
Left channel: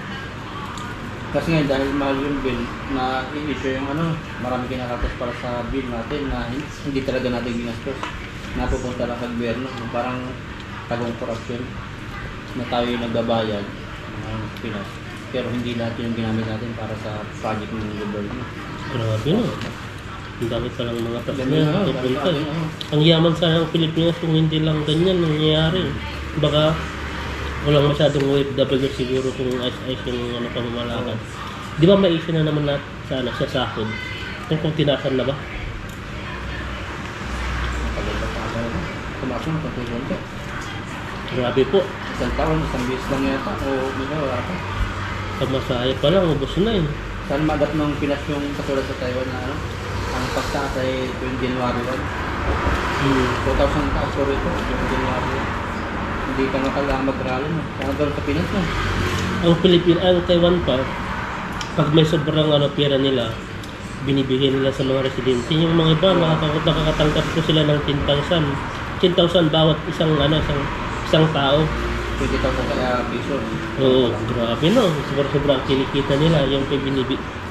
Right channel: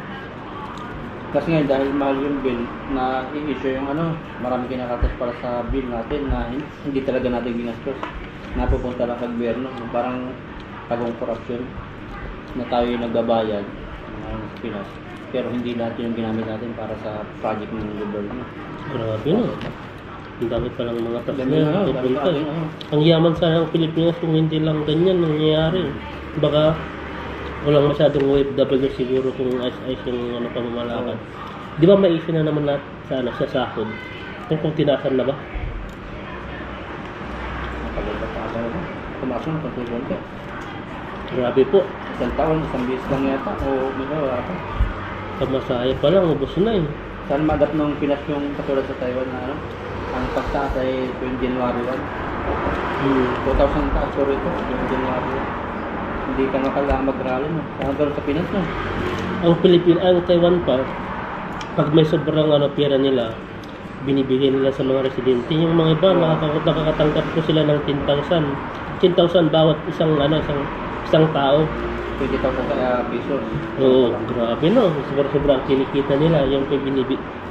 Kasi ngayon dahil mahal yung bill na i-issue yung ano, marami kinakatas para sa bill natin na hindi talaga natin ginastos. Napupunta lang sa gobyerno. Parang tagong korupsyon na tayo yung nagbabayad ng Pinas. Pero hindi lahat yung ginamit natin para sa project ng gobyerno. Grabe no. Ang dami palang mga tax Dami na yan. na, Pupunta. dami na. Ang yaman sana ng Pilipinas kung hindi lang ganyan nangyayari. Baka walang masyadong OFW siguro kung ayos yung ano, pamamalakad. Di ba may issue na naman natin sa, ano, sa sahod? Kung tinasan na ba? Nakalipat pa ako. Tumakas ng konti-konti. Grabe po. Isang taon, isang bis lang yata. O may wala pa. Pamasahe pa lang, ubos na yun. Saan magat nung Pinas yung katulad sa Taiwan na ano? Ang pagtaas ay 20 January 1. 2,000 taas ko rito, 20 January 1. Hindi ka na kailangan mag-rally no? Kaya doon sa Pinas no? Ang Taiwan pa, pag may sobrang ano, pera nila, binibigay nila sa mga residente. Yung mga iba, nakakatanggap ko sila ng 10,000. 10,000 bawat isang tao. 20,000 kaya piso. Oo, grabe no. Sobrang kinikita nila. Yung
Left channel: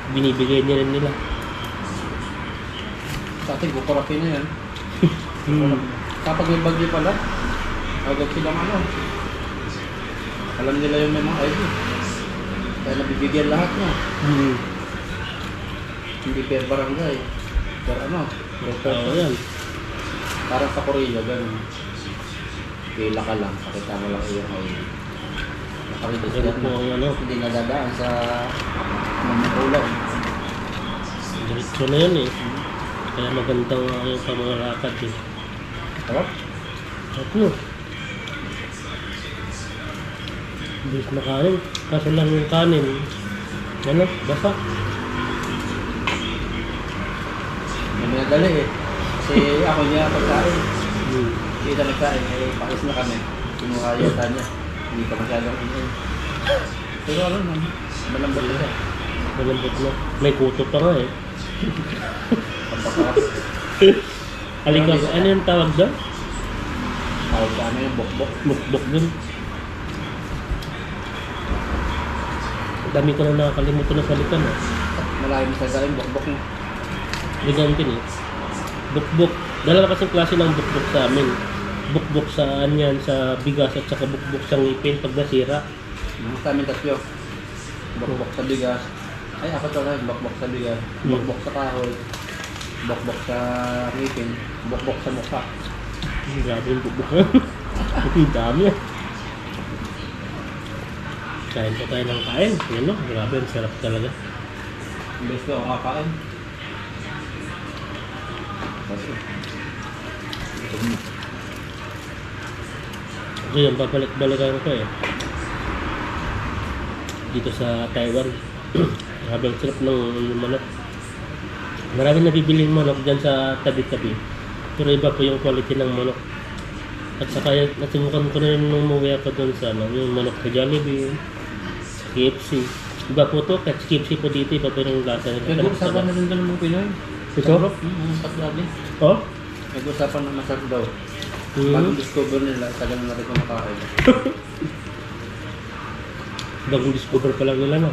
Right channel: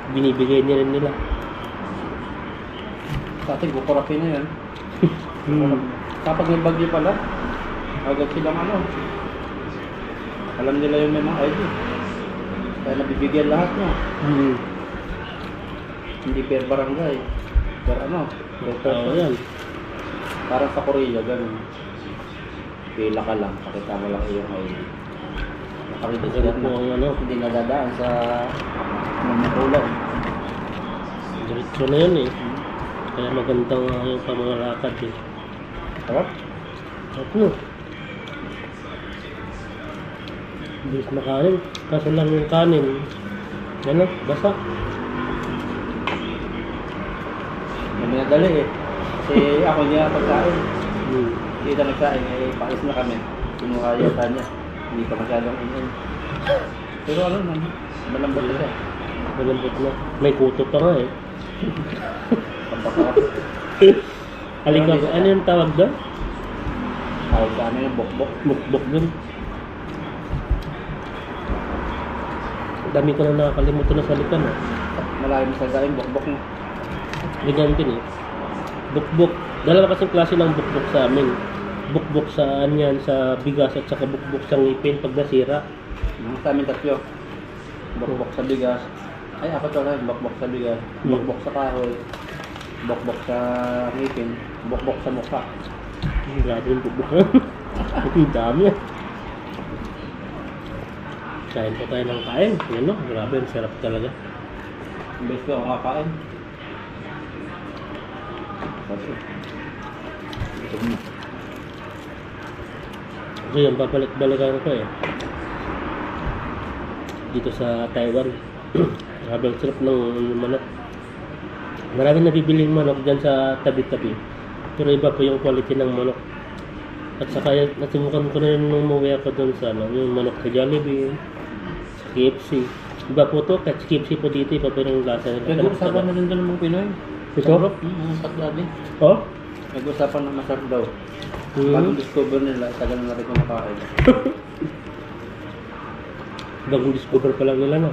binibigay nila. Sa atin, kukurapin na yan. Kapag may bagyo pala, agad silang ano. Alam nila yung may mga ID. Kaya nabibigyan lahat no? Hindi per barangay. Per ano? Per Oo, person. yan. Parang sa Korea, ganun. Pila ka lang, pakita mo lang iyong ID. Nakaregister Ganun po na. ang ano. Hindi nadadaan sa mamutulaw. Diretso na yan eh. Kaya magandang yung pamamalakad eh. Sarap? Ano? Bilis na kanin. Kaso lang yung kanin. Ano? Basa. May minadali eh. Kasi ako niya pagkain. Hmm. Hindi na nagkain, eh paalis na kami. Kinuha yata niya. Hindi pa masyadong inin. Pero ano naman, malambot na siya. Malambot na. May kuto pa nga eh. Pampasarap. Halika, ano yung tawag doon? Tawag sa amin yung bokbok. Bukbok doon. Dami ko na nakakalimutan na salita na. Malayo mo sa yung bokbok mo. Ligantin eh. Bukbok. Dalawa kasing klase ng bukbok sa amin. Bukbok sa yan, sa bigas at saka bukbok sa ngipin pag nasira. Sa amin tatlo. Bokbok sa bigas. Ay, apat wala. Bokbok sa bigas. Bokbok sa kahoy. Bokbok sa ngipin. Bokbok sa mukha. Grabe yung bukbok. Ang dami ah. Kain po tayo ng kain. Yan no, grabe, ang sarap talaga. Imbes ko ako kakain. Kasi, ito mo. Ito yung babalik-balikan ko eh. Dito sa Taiwan. Grabe ang sarap ng manok. Maraming nabibiling manok dyan sa tabi-tabi. Pero iba po yung quality ng manok. At saka nasimukan ko na rin nung umuwi ako doon sa ano, yung manok sa Jollibee, sa KFC. Iba po to, kahit KFC po dito, iba po yung lasa nila. Nag-uusapan na rin doon ng mga Pinoy. Ito? Ang patlabi. Oh? Nag-uusapan na masarap daw. Bagong discover nila, tagal na rin kumakain. Bagong discover pa lang nila, no?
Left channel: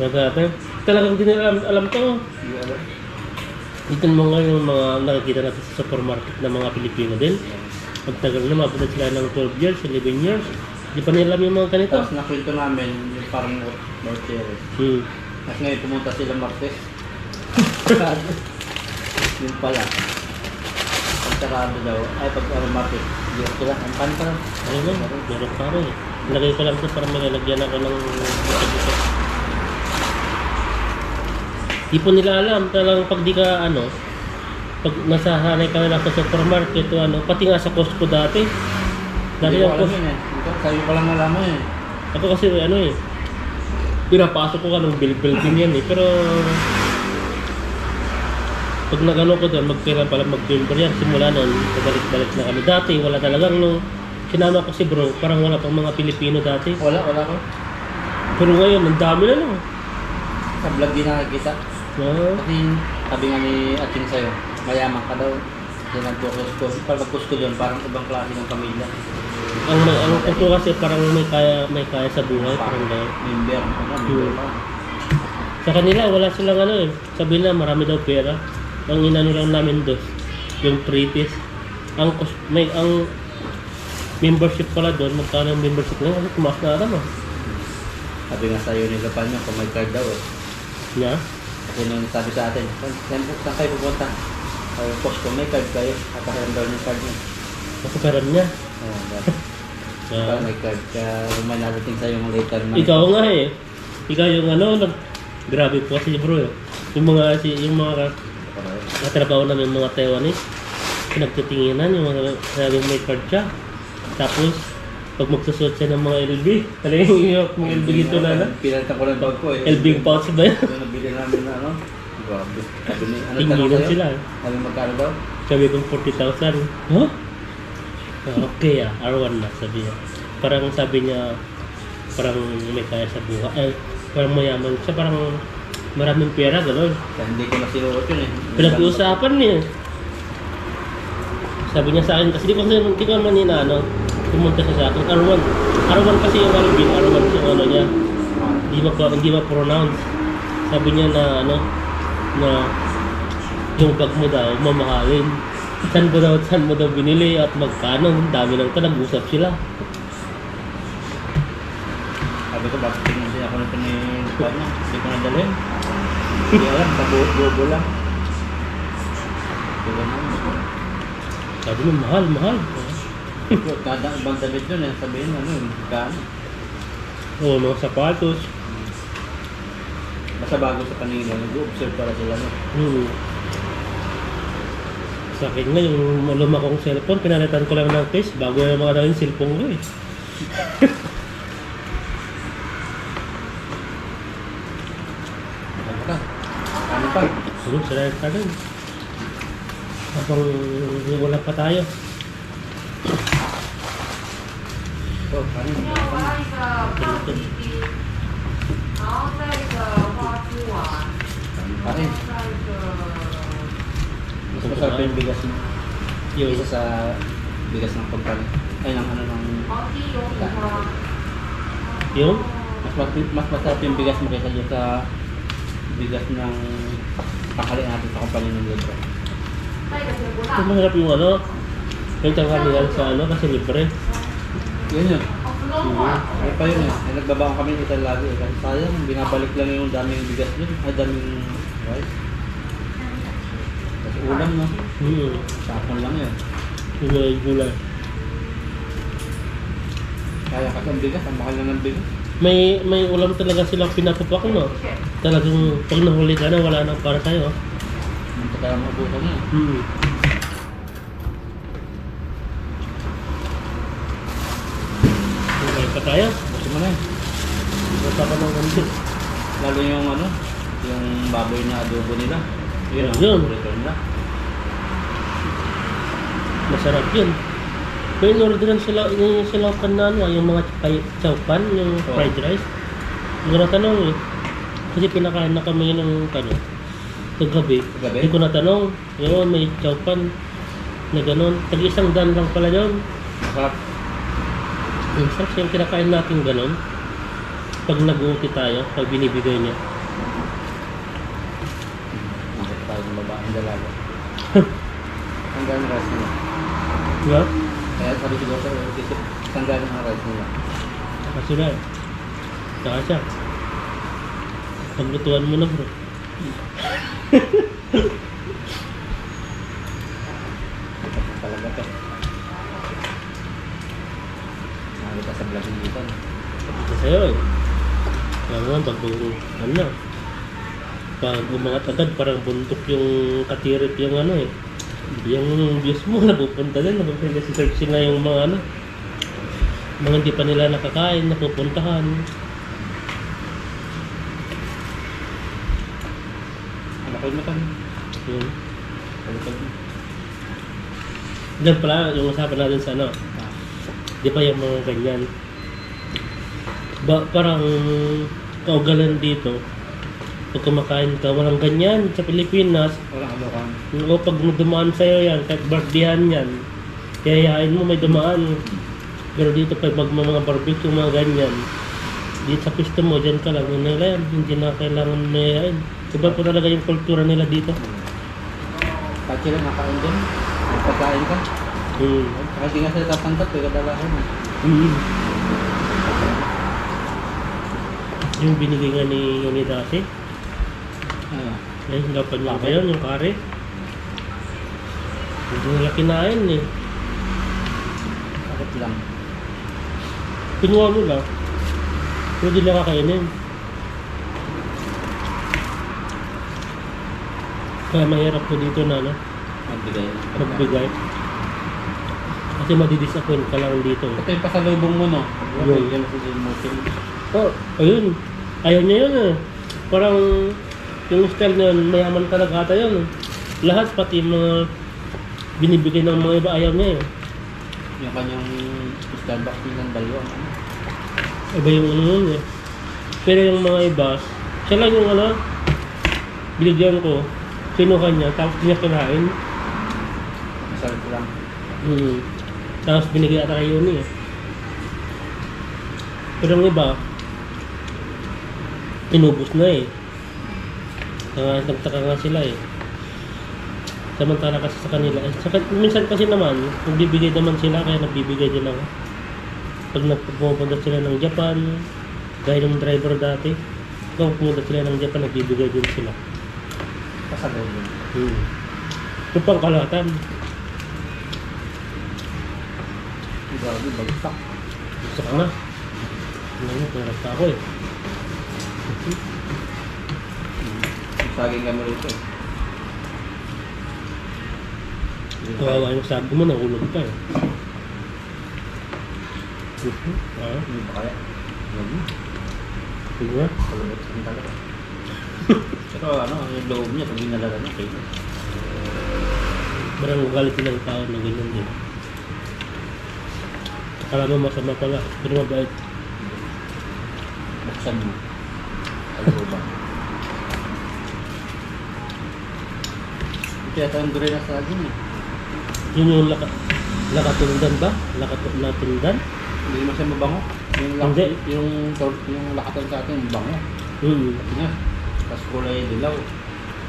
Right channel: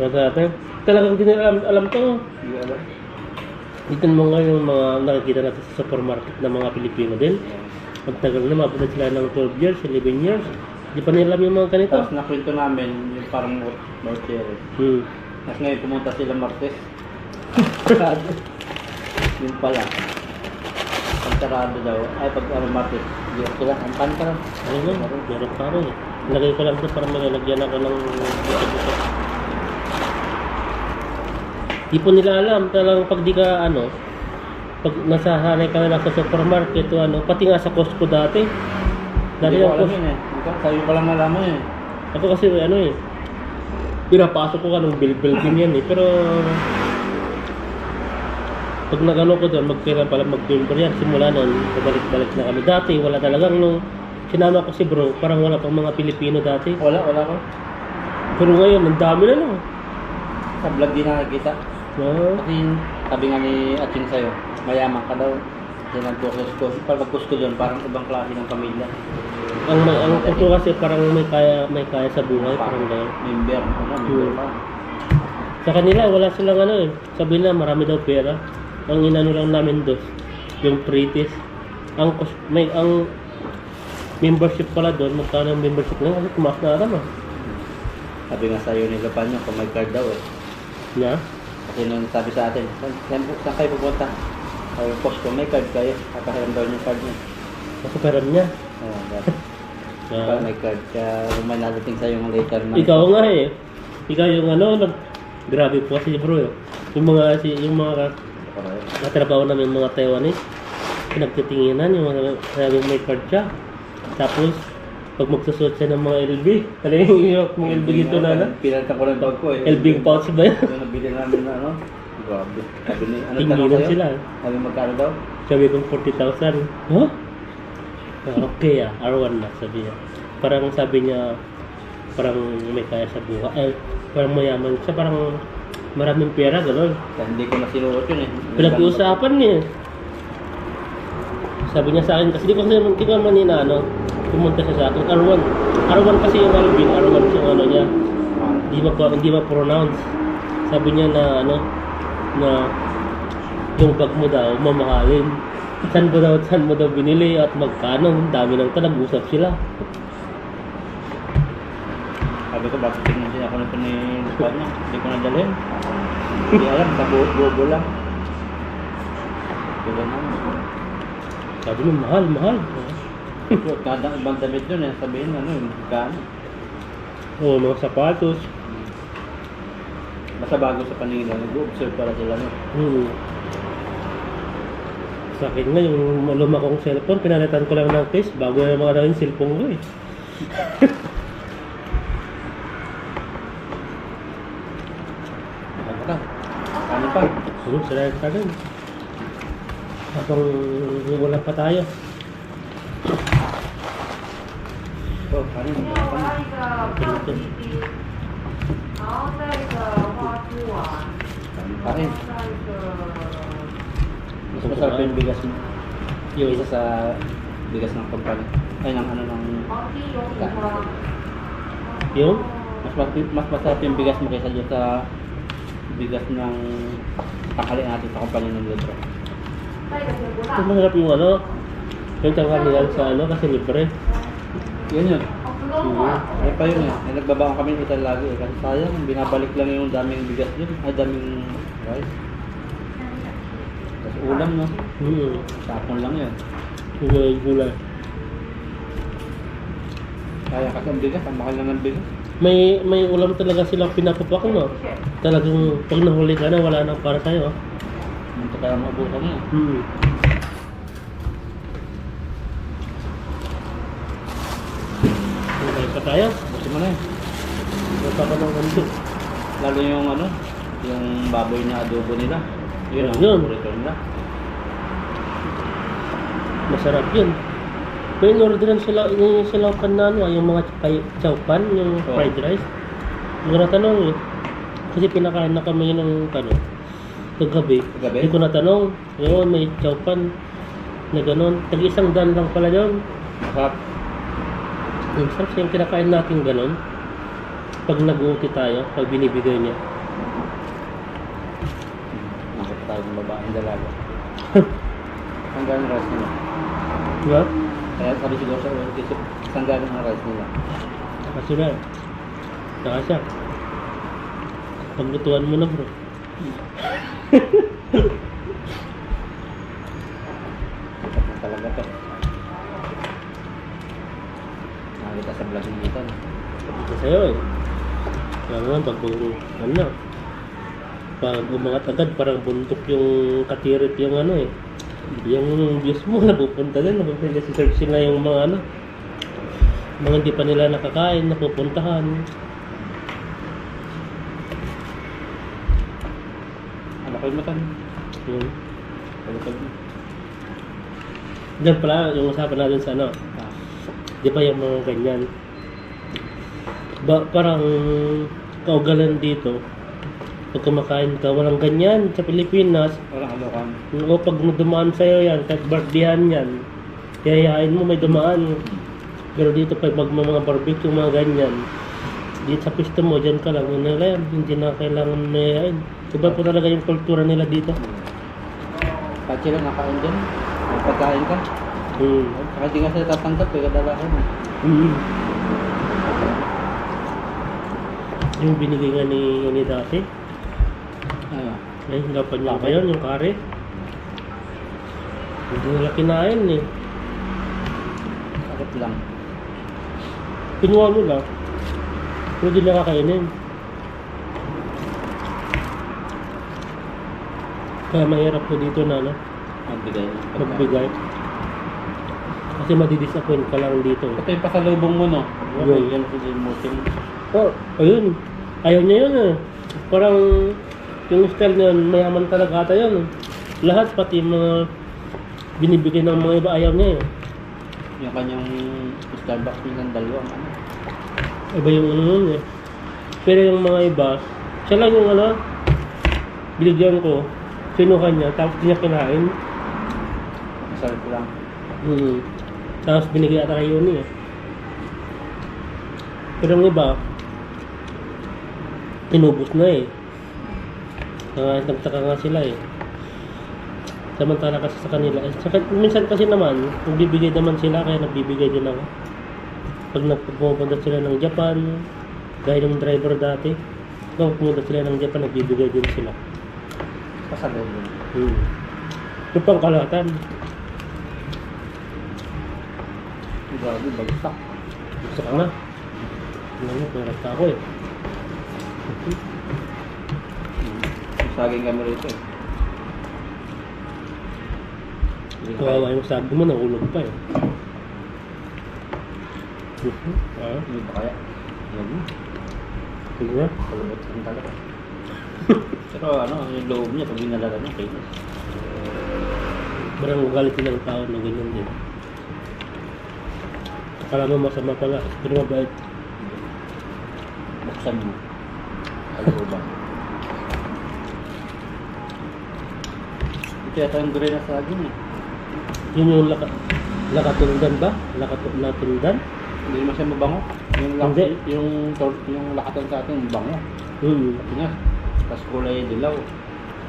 Kaya talagang hindi nila alam to. Hindi alam. Dito mo nga yung mga nakikita natin sa supermarket ng mga Pilipino din. Pagtagal na, mabot na sila ng 12 years, 11 years. Di pa nila alam yung mga ganito. Tapos nakwento namin yung parang Martires. Tapos ngayon pumunta sila Martes. Yung pala. Pagkarado daw. Ay, pag Martes. Hindi ko sila. Ang pan pa lang. Ano nga, meron pa rin. Lagay ko lang ito para may lalagyan ako ng buto-buto. Di po nila alam, talagang pag di ka pag nasasanay kami lang sa supermarket o ano, pati nga sa Costco dati. Dati Hindi ko yung alam Costco, yun eh. Sabi ko lang nalaman yun eh. ako kasi ano eh, pinapasok ko ka ng bill din yan eh. Pero pag nagano ko doon, magpira pala mag-bill yan. Simula noon, pabalik-balik na kami. Dati wala talagang nung sinama ko si bro, parang wala pang mga Pilipino dati. Wala ko. Pero ngayon, ang dami na no. Sa vlog din nakikita. Ah, Kasi sabi nga ni Ating sa'yo, mayaman ka daw. Kasi nagkukusko. Pag magkusko doon, parang ibang klase ng pamilya. ang kuko kasi parang may kaya sa buhay, parang gano'n. Member pa. Sa kanila, wala silang ano eh. Sabi na, marami daw pera. Ang inano lang namin doon, yung pretties. Ang membership pala doon, magkano ang membership lang? Kasi tumaas na alam ah. Sabi nga sa'yo ni Lapanyo, kung may card daw eh. Na? Kasi nung sabi sa atin, saan kayo pupunta? Sabi ko, kung may card kayo, kakahiram daw yung card niya. Kasi pera niya. Oo, Parang may card ka, kung may nadating sa'yo yung later month. Ikaw nga eh. Ikaw yung ano, grabe po kasi bro eh. Yung mga katrabaho namin mga Taiwanese, pinagtitinginan yung mga sabing may card siya. Tapos, pag magsusuot siya ng mga LB, talagang yung mga LB ito na. Pinalitan ko lang bag ko eh. LB pouch ba yan? Yung nabili namin na ano. Grabe. Sabi ni, ano tanong Tinginan sa'yo? sila. Sabi magkano daw? Sabi kong 40,000. Huh? Okay R1 na sabi niya. Parang sabi niya, parang may kaya sa buhay. Parang mayaman siya, parang maraming pera, gano'n. Kaya hindi ko nasinuot yun eh. Pinag-uusapan niya. Sabi niya sa akin, kasi di ko naman inaano, pumunta siya sa akin. R1 kasi yung Alvin, R1 yung ano niya. Hindi ma-pronounce. Sabi niya na ano, na yung bag mo daw, mamahalin. Saan mo daw binili at magkano? Dami nang ito, nag-usap sila. Sabi ko, bakit tingnan siya ako nito ni Lapanyo? Hindi ko nadalhin. Hindi alam, sa bobo lang. Diba naman? Sabi niya, mahal. Kada ibang damit yun eh, sabihin ano yun, magkano? Oo, mga sapatos. Basta bago sa paningin lang, nag-observe para sila no. Sa akin nga, yung luma kong cellphone, pinalitan ko lang ng case bago na mga yung cellphone ko eh. Ano ka? Ano pa? Sarap ka rin. Habang wala pa tayo. Oh, kanin. Kanin. Mas masarap yung bigas mo. Yung Isa sa bigas ng kumpanya. Ay, ng ano ng... yung Mas masarap yung bigas mo kaysa dyan sa bigas ng pakali natin sa kumpanya ng libro. ito masarap yung ano, yung tanghalian sa ano kasi libre. Yun yun. Ay pa yun eh. Ay, nagbabaon kami ng itan lagi eh. Kasi sayang, binabalik lang yung daming bigas dun. Ay, daming rice. Tapos ulam no. Sapon lang yun. Gulay. Kaya kasi ang bigas, ang mahal lang ng bigas. May ulam talaga silang pinapapak no. Talagang pag nahuli ka na wala nang para sa'yo. Hindi kaya maabutan na. Okay pa tayo. Gusto mo na eh. Wala pa ng ganito. Lalo yung ano, yung baboy na adobo nila. Yun ang Yun. paborito nila. Masarap yun. May in-orderan sila, yung sila ano, yung mga chowpan, yung Oo. fried rice. Hindi ko natanong eh. Kasi pinakain na kami ng ano, kagabi. Kagabi? Hindi ko natanong. Yun, may chowpan na gano'n. Tag-100 lang pala yun. Masarap. Minsan siya yung kinakain natin gano'n. Pag nag-uuti tayo, pag binibigay niya. Nakita tayo ng babaeng dalaga. Tanggalin ang rice nila. Diba? Kaya sabi siguro sa isip, tanggalin ang rice nila. Saka sila. Saka siya. Paglutuan mo na bro. Tapos talaga to. Nakita sa vlog ng ito. Sabi ko sa'yo eh. Kaya naman pag ano na. Pag umangat agad parang buntok yung katirit yung ano eh. Yung views mo napupunta din, search sila yung mga ano, mga hindi pa nila nakakain, napupuntahan. Ano kayo mo tan? Yun. Kalukal mo. Diyan pala yung usapan natin sa ano, di ba yung mga ganyan. Parang kaugalan dito, pag kumakain ka, walang ganyan sa Pilipinas. Walang alokan. O pag dumaan sa'yo yan, kahit birthdayhan yan, yayain mo may dumaan. Pero dito pag mga barbecue, mga ganyan, dito sa pisto mo, dyan ka lang, yun nila yan, hindi na kailangan na yayain. Iba po talaga yung kultura nila dito. Kahit sila nakain dyan, may pagkain ka. Saka di nga sila tatanggap, kadala ko mo. Yung binigay nga ni dati, ay dapat niya ba yun, yung kare? Hindi nila kinain eh. Sakit lang. Pinuha mo lang. Pero di nila kakainin. Kaya mahirap po dito na ano, magbigay. Kasi madidisappoint ka lang dito. Ito yung pasalubong mo, no? Yun. Yan si Moting. Oh, ayun. Ayaw niya yun eh. Parang yung style na yun, mayaman talaga ata yun. Lahat, pati mga binibigay ng mga iba, ayaw niya eh. Yung kanyang Starbucks nilang dalawang ano. Iba yung ano yun eh. Pero yung mga iba, siya lang yung ano, binigyan ko, kinuha niya, tapos niya kinain. Masarap lang. Tapos binigay ata kay Yuni eh. Pero yung iba, inubos na eh. Nagtaka nga sila eh. Samantala kasi sa kanila. Minsan kasi naman, nagbibigay naman sila, kaya nagbibigay din ako. Pag nagpupunta sila ng Japan, gaya ng driver dati, pag pumunta sila ng Japan, nagbibigay din sila. Pasalubong. Yung pangkalahatan. Grabe, bagsak. Gusto ka nga. Ano mo, pinarap ako eh. Saging kami rito eh. Kawawa yung sabi mo, nahulog pa eh. Hindi ba kaya? Huwag mo. Sige nga. Palabot sa talaga. Pero ano, yung loob niya, pag ginalaga niya, kayo. Parang galit din ng tao na ganyan din. Akala mo masama pala, pero mabait. Buksan mo. Ano ba? Ito yata yung gray na saging eh. Yun yung lakatundan ba? Lakatundan? Hindi naman siya mabango. Hindi. Yung lakatan sa atin, mabango. Kasi nga, tapos kulay dilaw.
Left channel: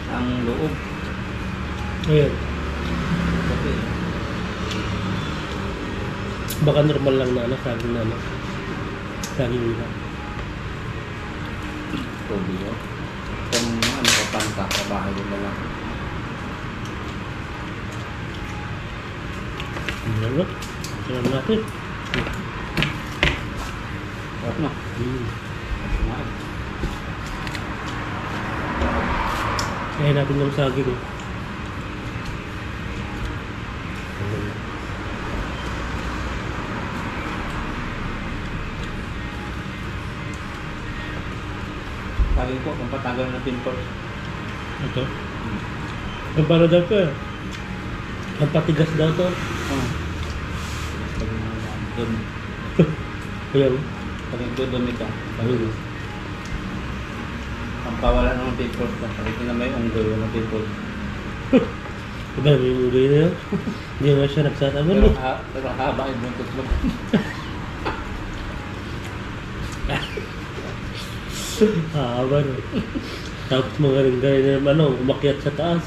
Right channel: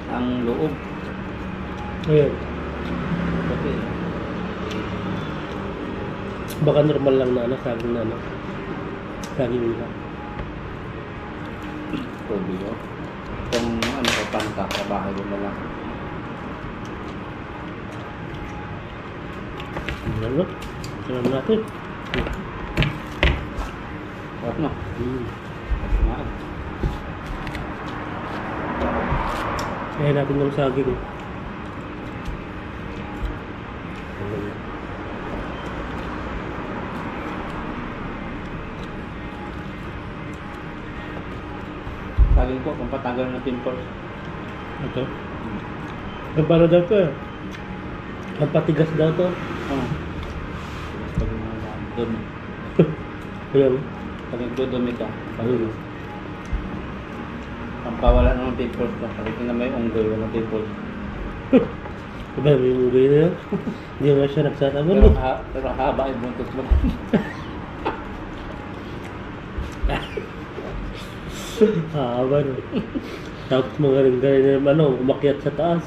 Ang loob. Ayun. Kasi, Baka normal lang na ano, saging na ano. Saging nila. Toby yun. Kung ano ka panta sa bahay mo na lang. Ano? Salam natin. Sarap na. Kumain. Kaya natin yung saging. Saging ko, kung patanggal ng pimples. Ito. Ang para daw to eh. Ang patigas daw to. Pag doon. Ayan. Pag nagdudumi ka. Ang pawala ng pimples ka. Pag ito na may unggoy, walang pimples. Diba may unggoy na yun? Hindi nga siya nagsasabi. Pero haba yung buntot mo. Haba no. Tapos mga rin ano, umakyat sa taas.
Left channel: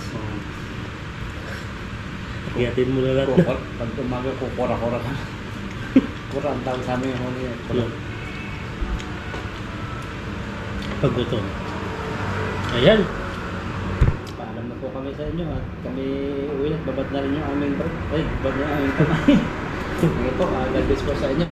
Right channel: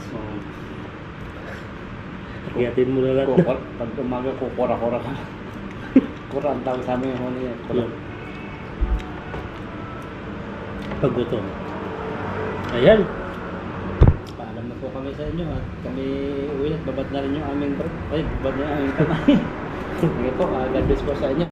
Akyatin mo na lahat. Pag umaga ko, kura-kura ka. Kura ang tawag sa amin yung huli. Pag gutom. Ayan. Paalam na po kami sa inyo at kami uwi at babad na rin yung aming break. Ay, babad na yung aming kamay. Sige po, God bless po sa inyo.